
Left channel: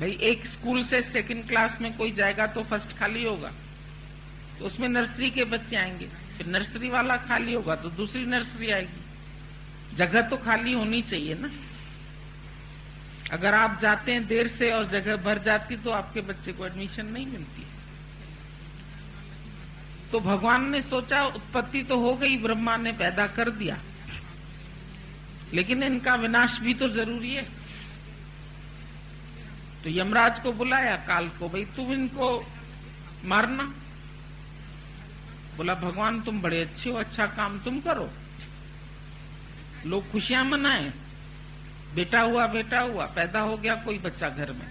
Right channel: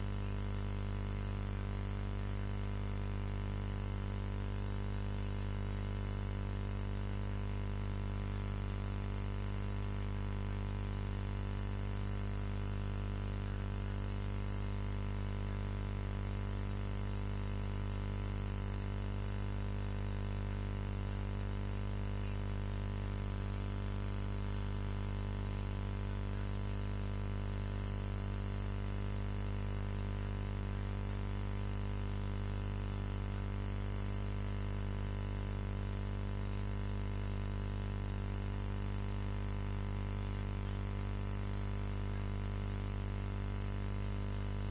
भाई एक स्कूल से सेकंड क्लास में कोई जाएगा तो फर्स्ट खाली होगा, तो उसमें नर्सरी के बच्चे आएंगे, फिर नर्सरी वाला खाली होगा तो दूसरी नर्सरी आएगी। जगह तो खाली होनी चाहिए ना। अगर आप जाते हैं देर से और जगह भर जाती तो आपके बच्चे को एडमिशन नहीं मिलती। तो भगवान ने सोचा उत्पत्ति तो हो गई, ब्रह्मा ने पैदा कर दिया, लेकिन इनका विनाश भी तो जरूरी है। तो यमराज को बुलाया, काल को, भाई तुम इनको मारना। बोला भगवान तुम बड़े अच्छे हो, अच्छा काम तुम करो, लोग खुशियां मनाएं, बेटा हुआ पैदा हो गया कोई बच्चा घर में,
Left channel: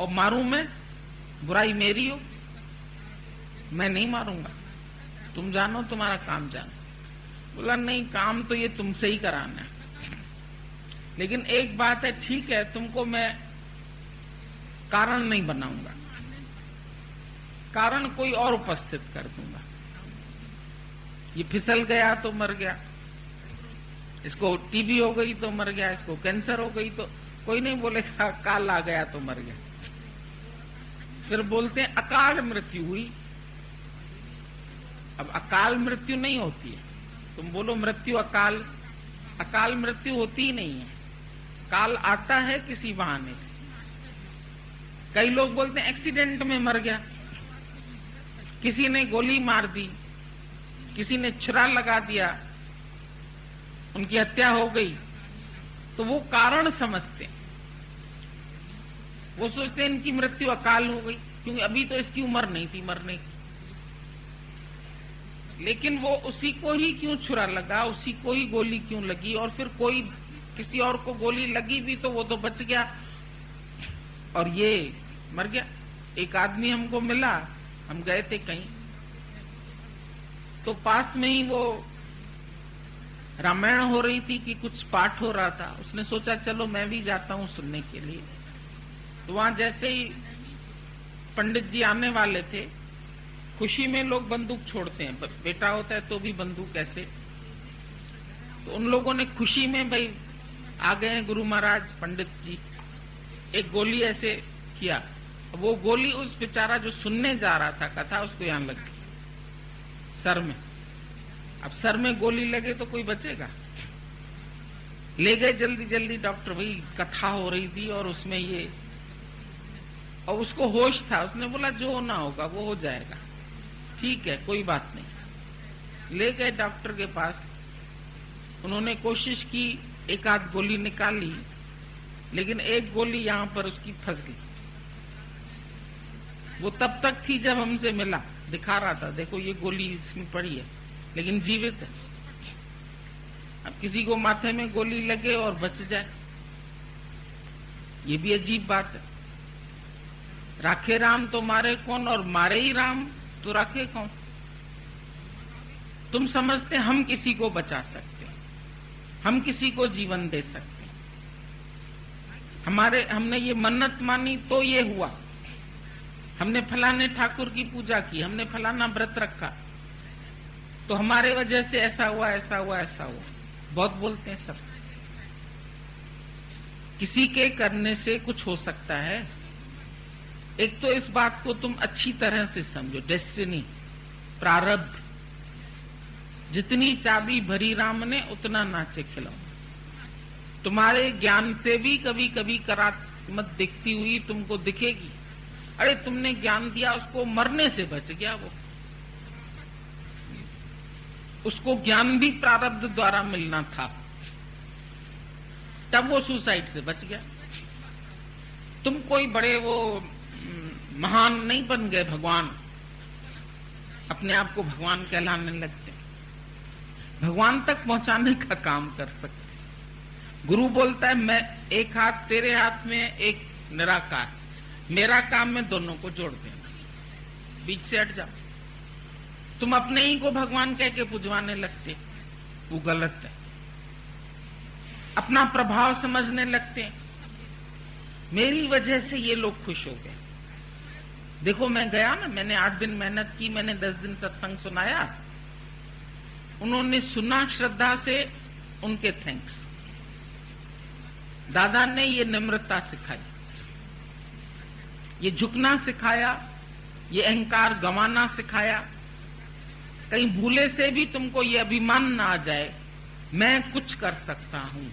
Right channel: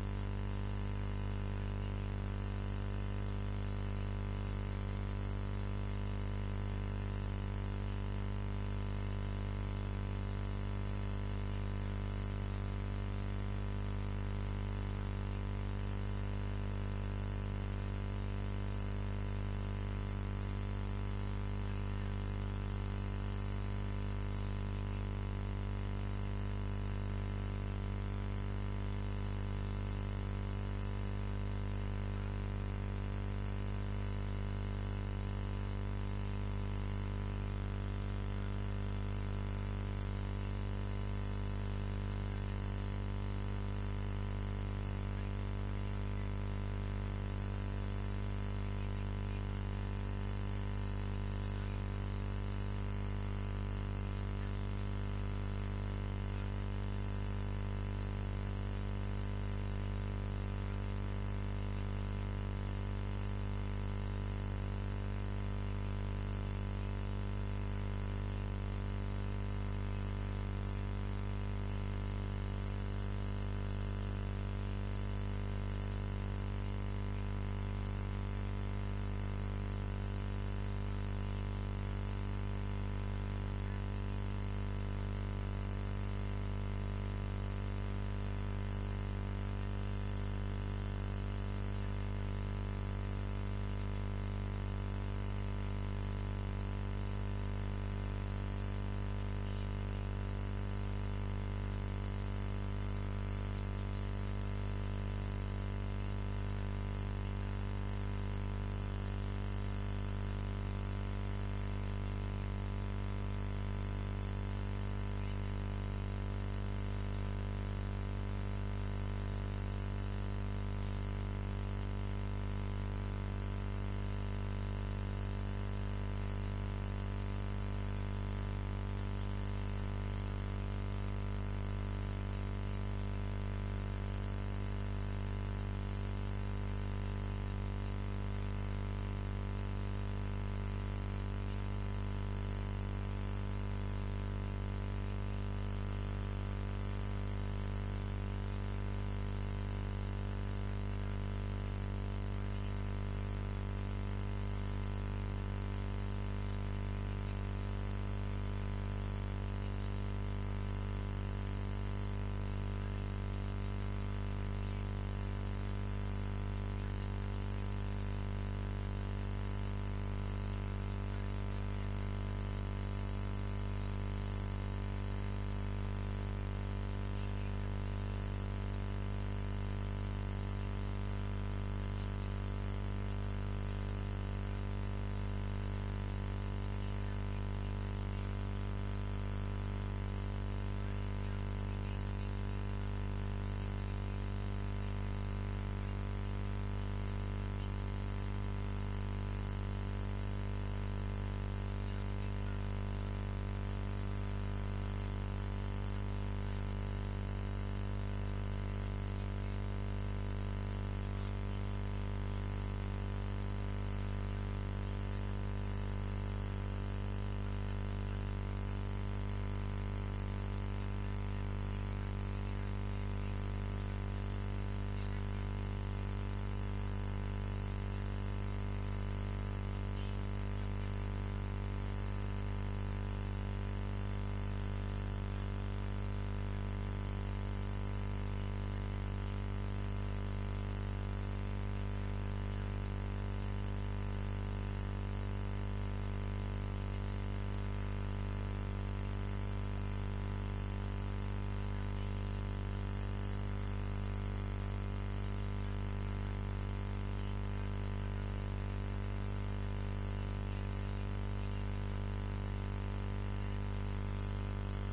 और मारूं मैं? बुराई मेरी हो, मैं नहीं मारूंगा, तुम जानो तुम्हारा काम जानो। बोला नहीं, काम तो ये तुमसे ही कराना है, लेकिन एक बात है, ठीक है तुमको मैं कारण नहीं बनाऊंगा, कारण कोई और उपस्थित कर दूंगा। ये फिसल गया तो मर गया, इसको टीबी हो गई तो मर गया, इसको कैंसर हो गई तो कोई नहीं बोलेगा काल आ गया तो मर गया। फिर बोलते हैं अकाल मृत्यु हुई। अब अकाल मृत्यु नहीं होती, तुम बोलो मृत्यु अकाल, अकाल मृत्यु होती ही नहीं है। काल आता है किसी बहाने, कई लोग बोलते हैं एक्सीडेंट में मर गया, किसी ने गोली मार दी, किसी ने छुरा लगा दिया, उनकी हत्या हो गई, तो वो कारण समझते हैं। वो सोचते हैं इनकी मृत्यु अकाल हो गई, क्योंकि अभी तो इसकी उम्र नहीं थी मरने की। लेकिन वो उसी को ही क्यों छुरा लगा, उसी को ही गोली क्यों लगी, और फिर कोई किसी और को गोली लगी भी तो वो तो बच गया और ये मर गया। एक आदमी हमको मिला, हम गए थे कहीं, तो पास में ही वो रामायण हो रही थी कि कुछ पाठ हो रहा था। उसने सोचा चलो मैं भी जाता हूं सुनने के लिए। तो वहां जैसे ही पंडित जी आने वाले थे, खुशी में लोग बंदूक छोड़ते हैं, बेटा होता है तो भी बंदूक ऐसे, तो उन लोगों ने खुशी में भाई आ गए हैं गुरु महाराज पंडित जी, एक गोली ऐसे किया। वो गोली उस बेचारा जो सुनने जा रहा था कथा, उसको यहां लग गई सर में। अब सर में गोली लगे तो कोई बचेगा? ले गए जल्दी जल्दी डॉक्टर, भाई कथा हो रही थी और उसमें ये, और उसको होश था, उसने बोला जो होना होगा वो हो जाएगा, ठीक है कोई बात नहीं। ले गए डॉक्टर के पास, उन्होंने कोशिश की, एक आध गोली निकाली, लेकिन एक गोली यहां पर उसकी फंस गई। वो तब तक थी जब हमसे मिला, दिखा रहा था देखो ये गोली इसमें पड़ी है, लेकिन जीवित है। अब किसी को माथे में गोली लगे और बच जाए, ये भी अजीब बात है। राखे राम तो मारे कौन, और मारे ही राम तो राखे कौन? तुम समझते हम किसी को बचा सकते हैं, हम किसी को जीवन दे सकते हैं। हमने ये मन्नत मानी तो ये हुआ, हमने फलाने ठाकुर की पूजा की, हमने फलाना व्रत रखा तो हमारे वजह से ऐसा हुआ, ऐसा हुआ, ऐसा हुआ। बहुत बोलते हैं सब, किसी के करने से कुछ हो सकता है। एक तो इस बात को तुम अच्छी तरह से समझो, डेस्टिनी, प्रारब्ध। जितनी चाबी भरी राम ने उतना नाचे खिलौना। तुम्हारे ज्ञान से भी कभी कभी करात्मक दिखती हुई तुमको दिखेगी, अरे तुमने ज्ञान दिया, उसको मरने से बच गया, वो उसको ज्ञान भी प्रारब्ध द्वारा मिलना था, तब वो सुसाइड से बच गया। तुम कोई बड़े वो महान नहीं बन गए भगवान, अपने आप को भगवान कहलाने लगते, भगवान तक पहुंचाने का काम कर सकते। गुरु बोलता है मैं एक हाथ तेरे हाथ में, एक निराकार, मेरा काम में दोनों को जोड़ देना, बीच से हट जाओ। तुम अपने ही को भगवान कह के पुजवाने लगते, वो गलत है। अपना प्रभाव समझने लगते हैं, मेरी वजह से ये लोग खुश हो गए। देखो मैं गया ना, मैंने 8 दिन मेहनत की, मैंने 10 दिन सत्संग सुनाया, उन्होंने सुना श्रद्धा से, उनके थैंक्स। दादा ने ये नम्रता सिखाई, ये झुकना सिखाया, ये अहंकार गंवाना सिखाया। कहीं भूले से भी तुमको ये अभिमान ना आ जाए, मैं कुछ कर सकता हूं,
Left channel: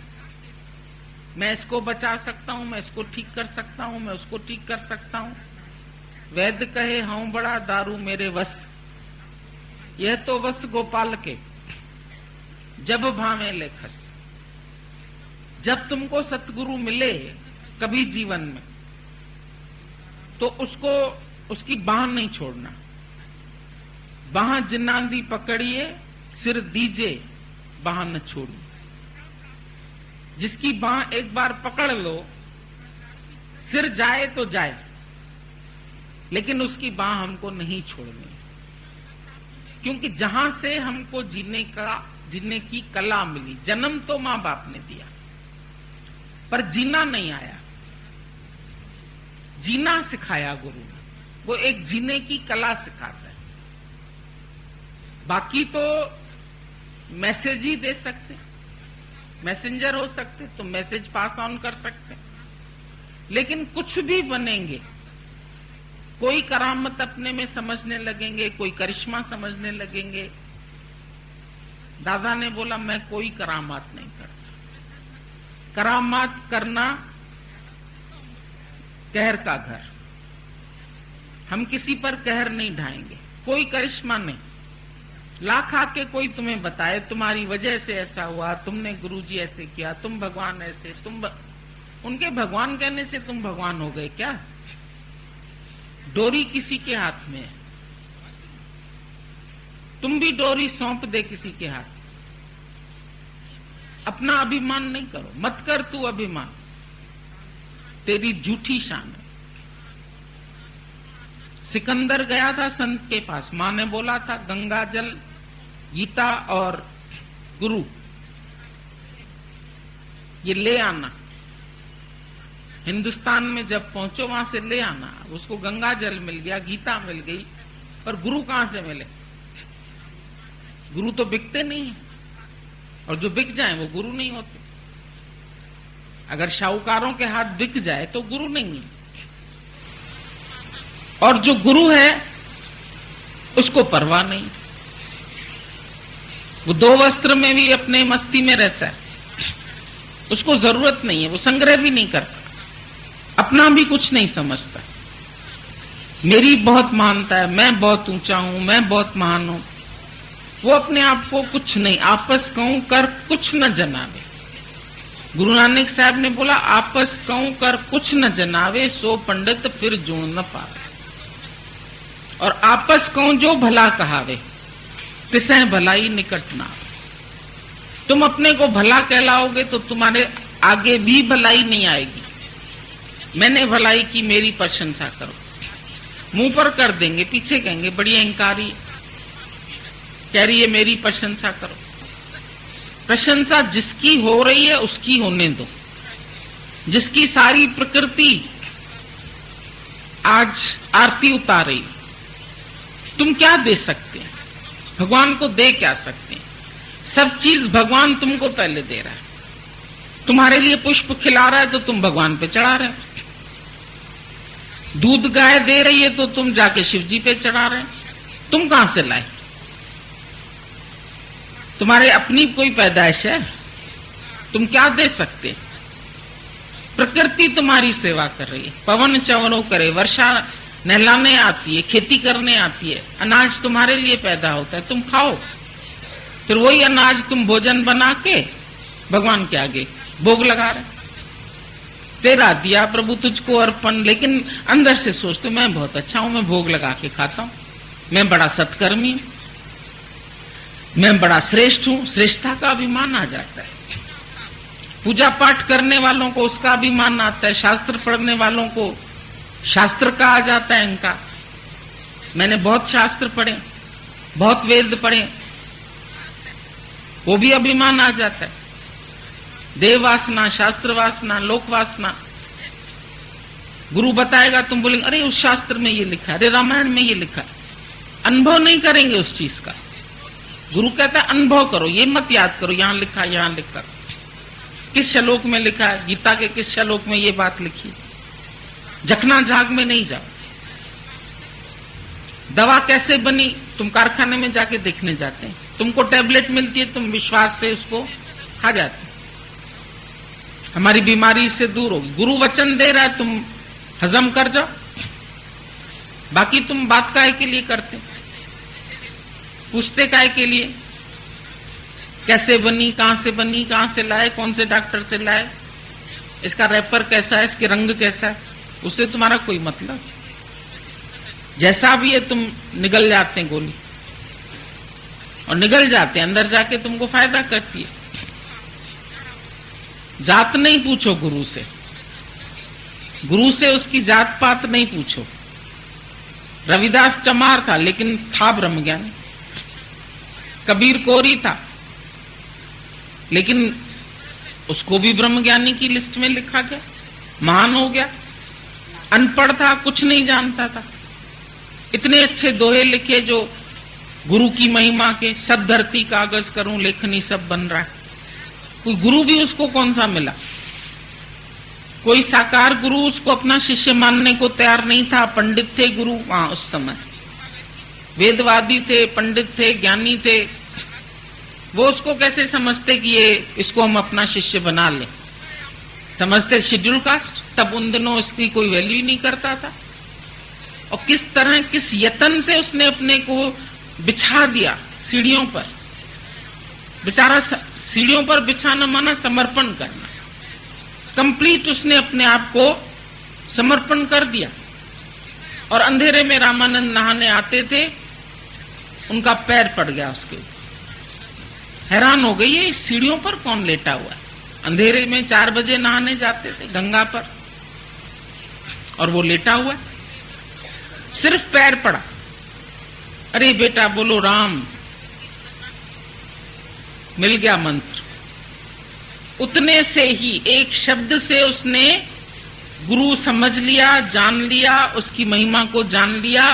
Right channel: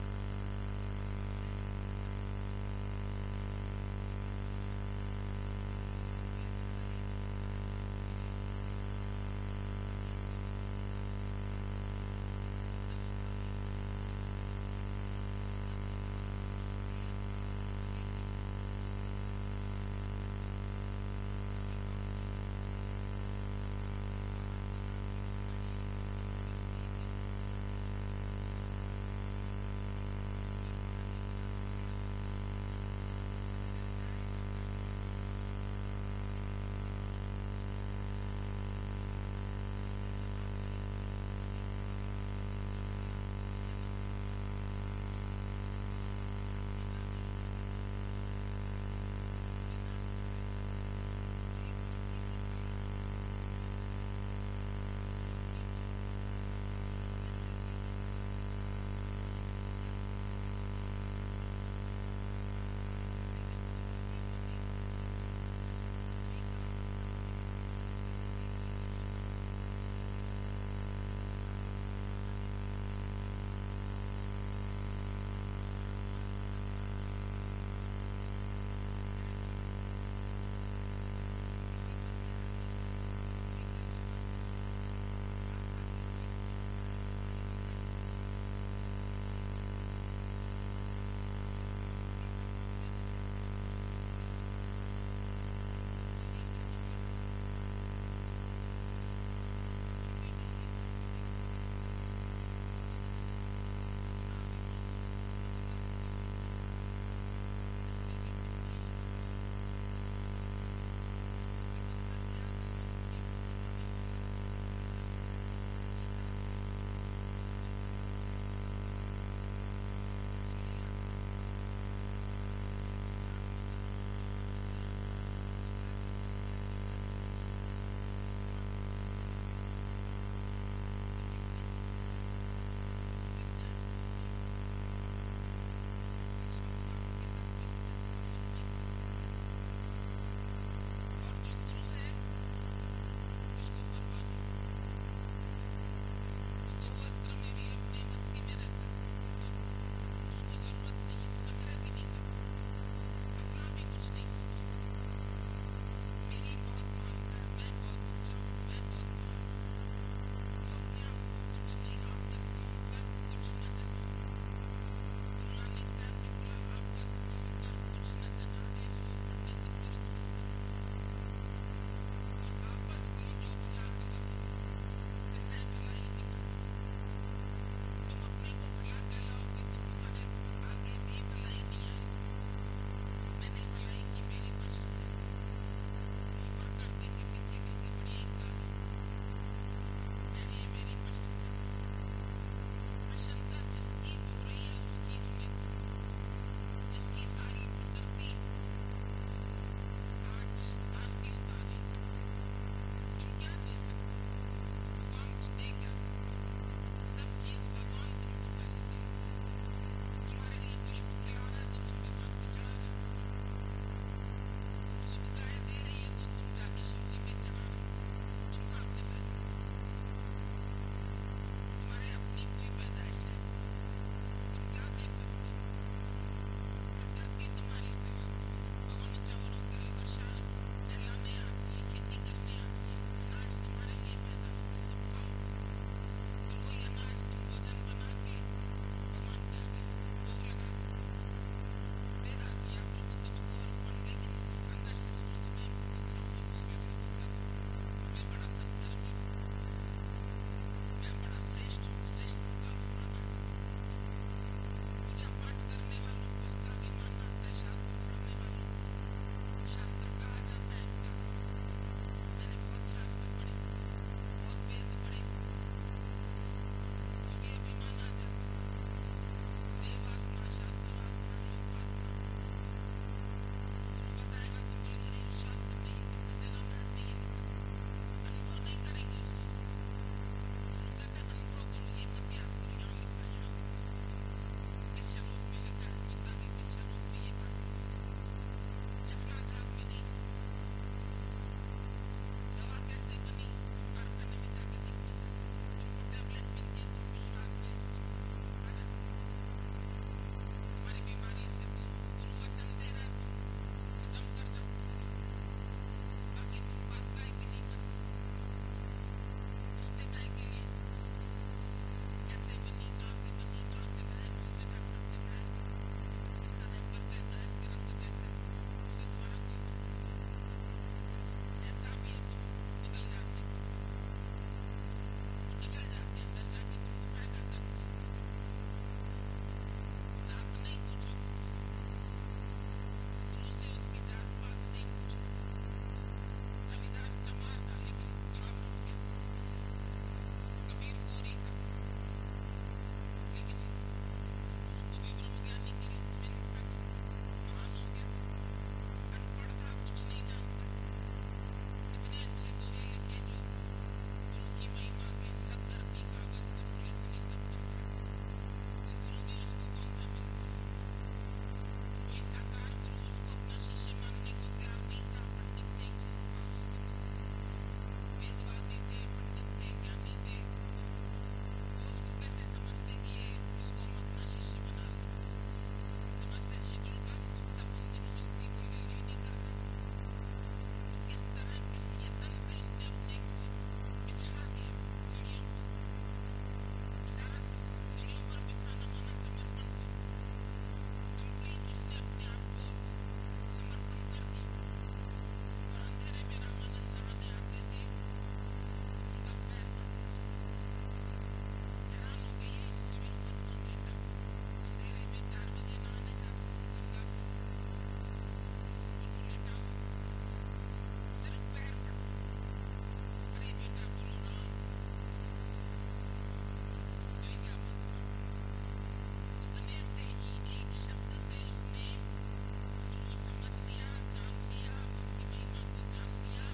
मैं इसको बचा सकता हूं, मैं इसको ठीक कर सकता हूं, मैं उसको ठीक कर सकता हूं। वैद्य कहे हूं बड़ा, दारू मेरे वश, यह तो वश गोपाल के, जब भावे लेखस। जब तुमको सतगुरु मिले कभी जीवन में, तो उसको, उसकी बाह नहीं छोड़ना। बाह जिन्नांदी पकड़िए, सिर दीजे, बाह न छोड़िए। जिसकी बाह एक बार पकड़ लो, सिर जाए तो जाए, लेकिन उसकी बाह हमको नहीं छोड़नी, क्योंकि जहां से हमको जीने की कला मिली। जन्म तो मां बाप ने दिया, पर जीना नहीं आया, जीना सिखाया गुरु ने। वो एक जीने की कला सिखाता है। बाकी तो मैसेज ही दे सकते हैं, मैसेंजर हो सकते, तो मैसेज पास ऑन कर सकते, लेकिन कुछ भी बनेंगे, कोई करामत अपने में समझने लगेंगे, कोई करिश्मा समझने लगेंगे। दादा ने बोला मैं कोई करामात नहीं करता। करामात करना कहर का घर, हम किसी पर कहर नहीं ढाएंगे, कोई करिश्मा नहीं। लाख आके कोई तुम्हें बताए तुम्हारी वजह से ऐसा हुआ, तुमने गुरुजी ऐसे किया, तुम भगवान ऐसे, उनके भगवान कहने से तुम भगवान हो गए क्या? डोरी किसी के हाथ में है, तुम भी डोरी सौंप दे किसी के हाथ। अपना अभिमान नहीं करो, मत कर तू अभिमान, तेरी झूठी शान है। सिकंदर गया था संत के पास, मां ने बोला था गंगा जल, गीता और गुरु ये ले आना। हिंदुस्तान में जब पहुंचो वहां से ले आना। उसको गंगा जल मिल गया, गीता मिल गई, पर गुरु कहां से मिले? गुरु तो बिकते नहीं है, और जो बिक जाए वो गुरु नहीं होते। अगर शाहूकारों के हाथ बिक जाए तो गुरु नहीं है, और जो गुरु है उसको परवाह नहीं। वो दो वस्त्र में भी अपने मस्ती में रहता है, उसको जरूरत नहीं है, वो संग्रह भी नहीं करता, अपना भी कुछ नहीं समझता। मेरी बहुत मानता है, मैं बहुत ऊंचा हूं, मैं बहुत महान हूं। वो अपने आप को कुछ नहीं, आपस कहूं कर कुछ न जनावे। गुरु नानक साहब ने बोला आपस कहूं कर कुछ न जनावे, सो पंडित फिर जुड़ न पावे। और आपस कहूं जो भला कहावे, तिसह भलाई निकट ना। तुम अपने को भला कहलाओगे तो तुम्हारे आगे भी भलाई नहीं आएगी। मैंने भलाई की, मेरी प्रशंसा करो। मुंह पर कर देंगे, पीछे कहेंगे बड़ी अहंकारी, कह रही है मेरी प्रशंसा करो। प्रशंसा जिसकी हो रही है उसकी होने दो। जिसकी सारी प्रकृति आज आरती उतार रही, तुम क्या दे सकते हैं? भगवान को दे क्या सकते हैं? सब चीज भगवान तुमको पहले दे रहा है। तुम्हारे लिए पुष्प खिला रहा है तो तुम भगवान पे चढ़ा रहे हो। दूध गाय दे रही है तो तुम जाके शिव जी पे चढ़ा रहे हैं। तुम कहां से लाए? तुम्हारे अपनी कोई पैदाइश है? तुम क्या दे सकते? प्रकृति तुम्हारी सेवा कर रही है। पवन चवरों करे, वर्षा नहलाने आती है, खेती करने आती है, अनाज तुम्हारे लिए पैदा होता है, तुम खाओ। फिर वही अनाज तुम भोजन बना के भगवान के आगे भोग लगा रहे। तेरा दिया प्रभु तुझको अर्पण, लेकिन अंदर से सोचते मैं बहुत अच्छा हूं, मैं भोग लगा के खाता हूं, मैं बड़ा सत्कर्मी हूं, मैं बड़ा श्रेष्ठ हूं। श्रेष्ठता का अभिमान आ जाता है। पूजा पाठ करने वालों को उसका अभिमान आता है, शास्त्र पढ़ने वालों को शास्त्र का आ जाता है इनका। मैंने बहुत शास्त्र पढ़े, बहुत वेद पढ़े, वो भी अभिमान आ जाता है। देव वासना, शास्त्र वासना, लोक वासना। गुरु बताएगा, तुम बोलेंगे अरे उस शास्त्र में ये लिखा है, अरे रामायण में ये लिखा है। अनुभव नहीं करेंगे उस चीज का। गुरु कहता है अनुभव करो, ये मत याद करो यहां लिखा, यहां लिखा। किस श्लोक में लिखा है? गीता के किस श्लोक में ये बात लिखी? जखना झाग में नहीं जाओ। दवा कैसे बनी तुम कारखाने में जाके देखने जाते हैं। तुमको टैबलेट मिलती है, तुम विश्वास से उसको खा जाते। हमारी बीमारी इससे दूर होगी। गुरु वचन दे रहा है, तुम हजम कर जाओ। बाकी तुम बात काहे के लिए करते? पूछते काहे के लिए? कैसे बनी, कहां से बनी, कहां से लाए, कौन से डॉक्टर से लाए, इसका रैपर कैसा है, इसके रंग कैसा है, उससे तुम्हारा कोई मतलब? जैसा भी है तुम निगल जाते हैं गोली, और निगल जाते हैं, अंदर जाके तुमको फायदा करती है। जात नहीं पूछो गुरु से, गुरु से उसकी जात पात नहीं पूछो। रविदास चमार था लेकिन था ब्रह्मज्ञानी। कबीर कोरी था लेकिन उसको भी ब्रह्मज्ञानी की लिस्ट में लिखा गया, महान हो गया। अनपढ़ था, कुछ नहीं जानता था, इतने अच्छे दोहे लिखे जो गुरु की महिमा के। सब धरती कागज करूं लेखनी सब बन रहा है। कोई गुरु भी उसको कौन सा मिला? कोई साकार गुरु उसको अपना शिष्य मानने को तैयार नहीं था। पंडित थे गुरु वहां उस समय, वेदवादी थे, पंडित थे, ज्ञानी थे। वो उसको कैसे समझते कि ये इसको हम अपना शिष्य बना लें? समझते शेड्यूल कास्ट। तब उन दिनों इसकी कोई वैल्यू ही नहीं करता था। और किस तरह, किस यतन से उसने अपने को बिछा दिया सीढ़ियों पर। बेचारा सीढ़ियों पर बिछाना माना समर्पण करना, कंप्लीट उसने अपने आप को समर्पण कर दिया। और अंधेरे में रामानंद नहाने आते थे, उनका पैर पड़ गया उसके ऊपर। हैरान हो गई, ये सीढ़ियों पर कौन लेटा हुआ है? अंधेरे में 4 बजे नहाने जाते थे गंगा पर, और वो लेटा हुआ है, सिर्फ पैर पड़ा। अरे बेटा बोलो राम, मिल गया मंत्र। उतने से ही, एक शब्द से उसने गुरु समझ लिया, जान लिया, उसकी महिमा को जान लिया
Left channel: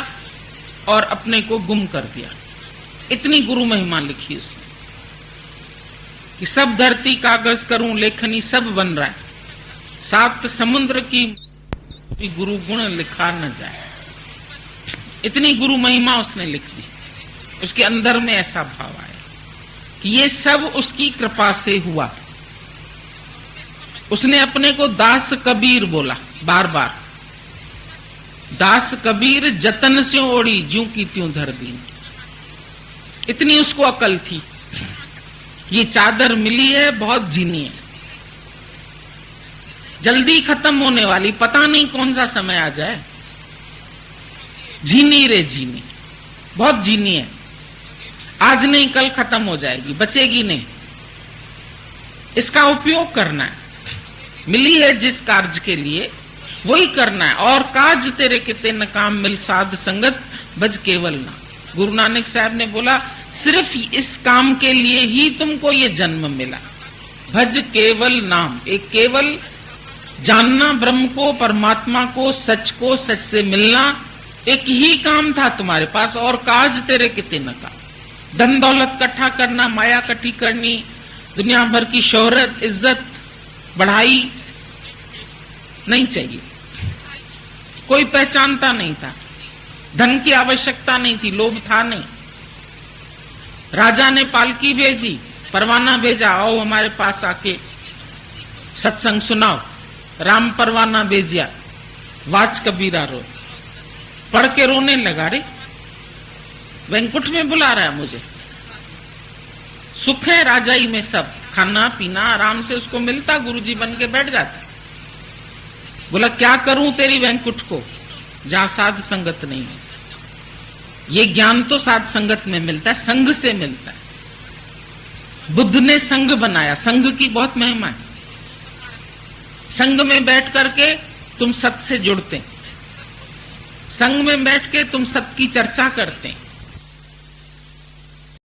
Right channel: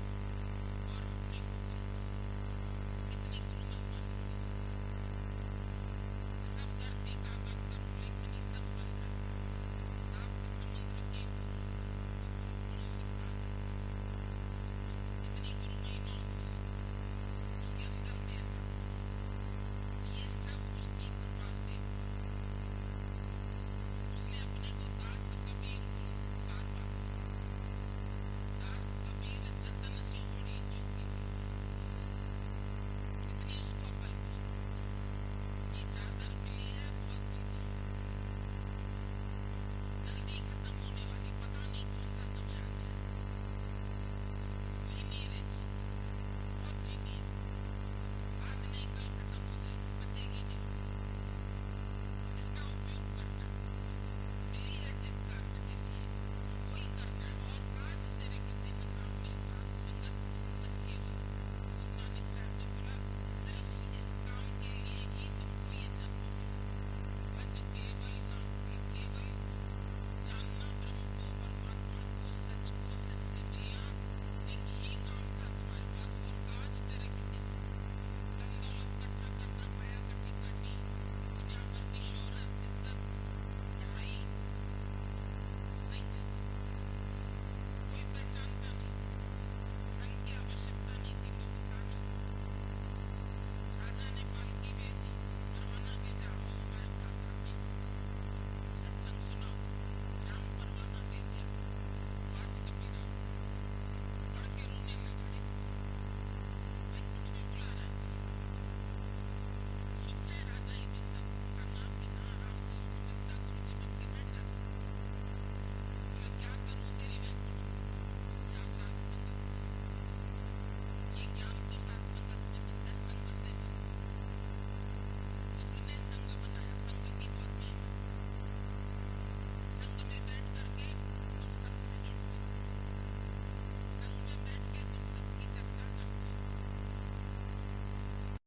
और अपने को गुम कर दिया। इतनी गुरु महिमा लिखी उसने कि सब धरती कागज करूं लेखनी सब बन रहा है, 7 समुद्र की गुरु गुण लिखा न जाए। इतनी गुरु महिमा उसने लिख दी। उसके अंदर में ऐसा भाव आया कि ये सब उसकी कृपा से हुआ। उसने अपने को दास कबीर बोला बार बार। दास कबीर जतन से ओढ़ी, ज्यों की त्यों धर दी। इतनी उसको अकल थी, ये चादर मिली है, बहुत जीनी है, जल्दी खत्म होने वाली, पता नहीं कौन सा समय आ जाए। जीनी रे जीनी, बहुत जीनी है, आज नहीं कल खत्म हो जाएगी, बचेगी नहीं। इसका उपयोग करना है, मिली है जिस कार्य के लिए वही करना है। और काज तेरे किते न काम मिल साध संगत भज केवल ना। गुरु नानक साहब ने बोला सिर्फ इस काम के लिए ही तुमको ये जन्म मिला। भज केवल नाम, एक केवल जानना ब्रह्म को, परमात्मा को, सच को, सच से मिलना, एक ही काम था तुम्हारे पास। और काज तेरे किते न काम, धन दौलत इकट्ठा करना, माया इकट्ठी करनी, दुनिया भर की शोहरत, इज्जत, बढ़ाई नहीं चाहिए। कोई पहचानता नहीं था, धन की आवश्यकता नहीं थी, लोभ था नहीं। राजा ने पालकी भेजी, परवाना भेजा, आओ हमारे पास आके सत्संग सुनाओ। राम परवाना भेजिया, वाच कबीरा रो, पढ़ के रोने लगा। रे वैंकुट में बुला रहा है मुझे, सुख है राजाई में सब, खाना पीना आराम से उसको मिलता, गुरुजी बन के बैठ जाता। बोला क्या करूं तेरी वैंकुट को, जहां साध संगत नहीं है। ये ज्ञान तो साध संगत में मिलता है, संघ से मिलता है। बुद्ध ने संघ बनाया, संघ की बहुत महिमा है। संघ में बैठ करके तुम सत से जुड़ते, संघ में बैठ के तुम सत की चर्चा करते,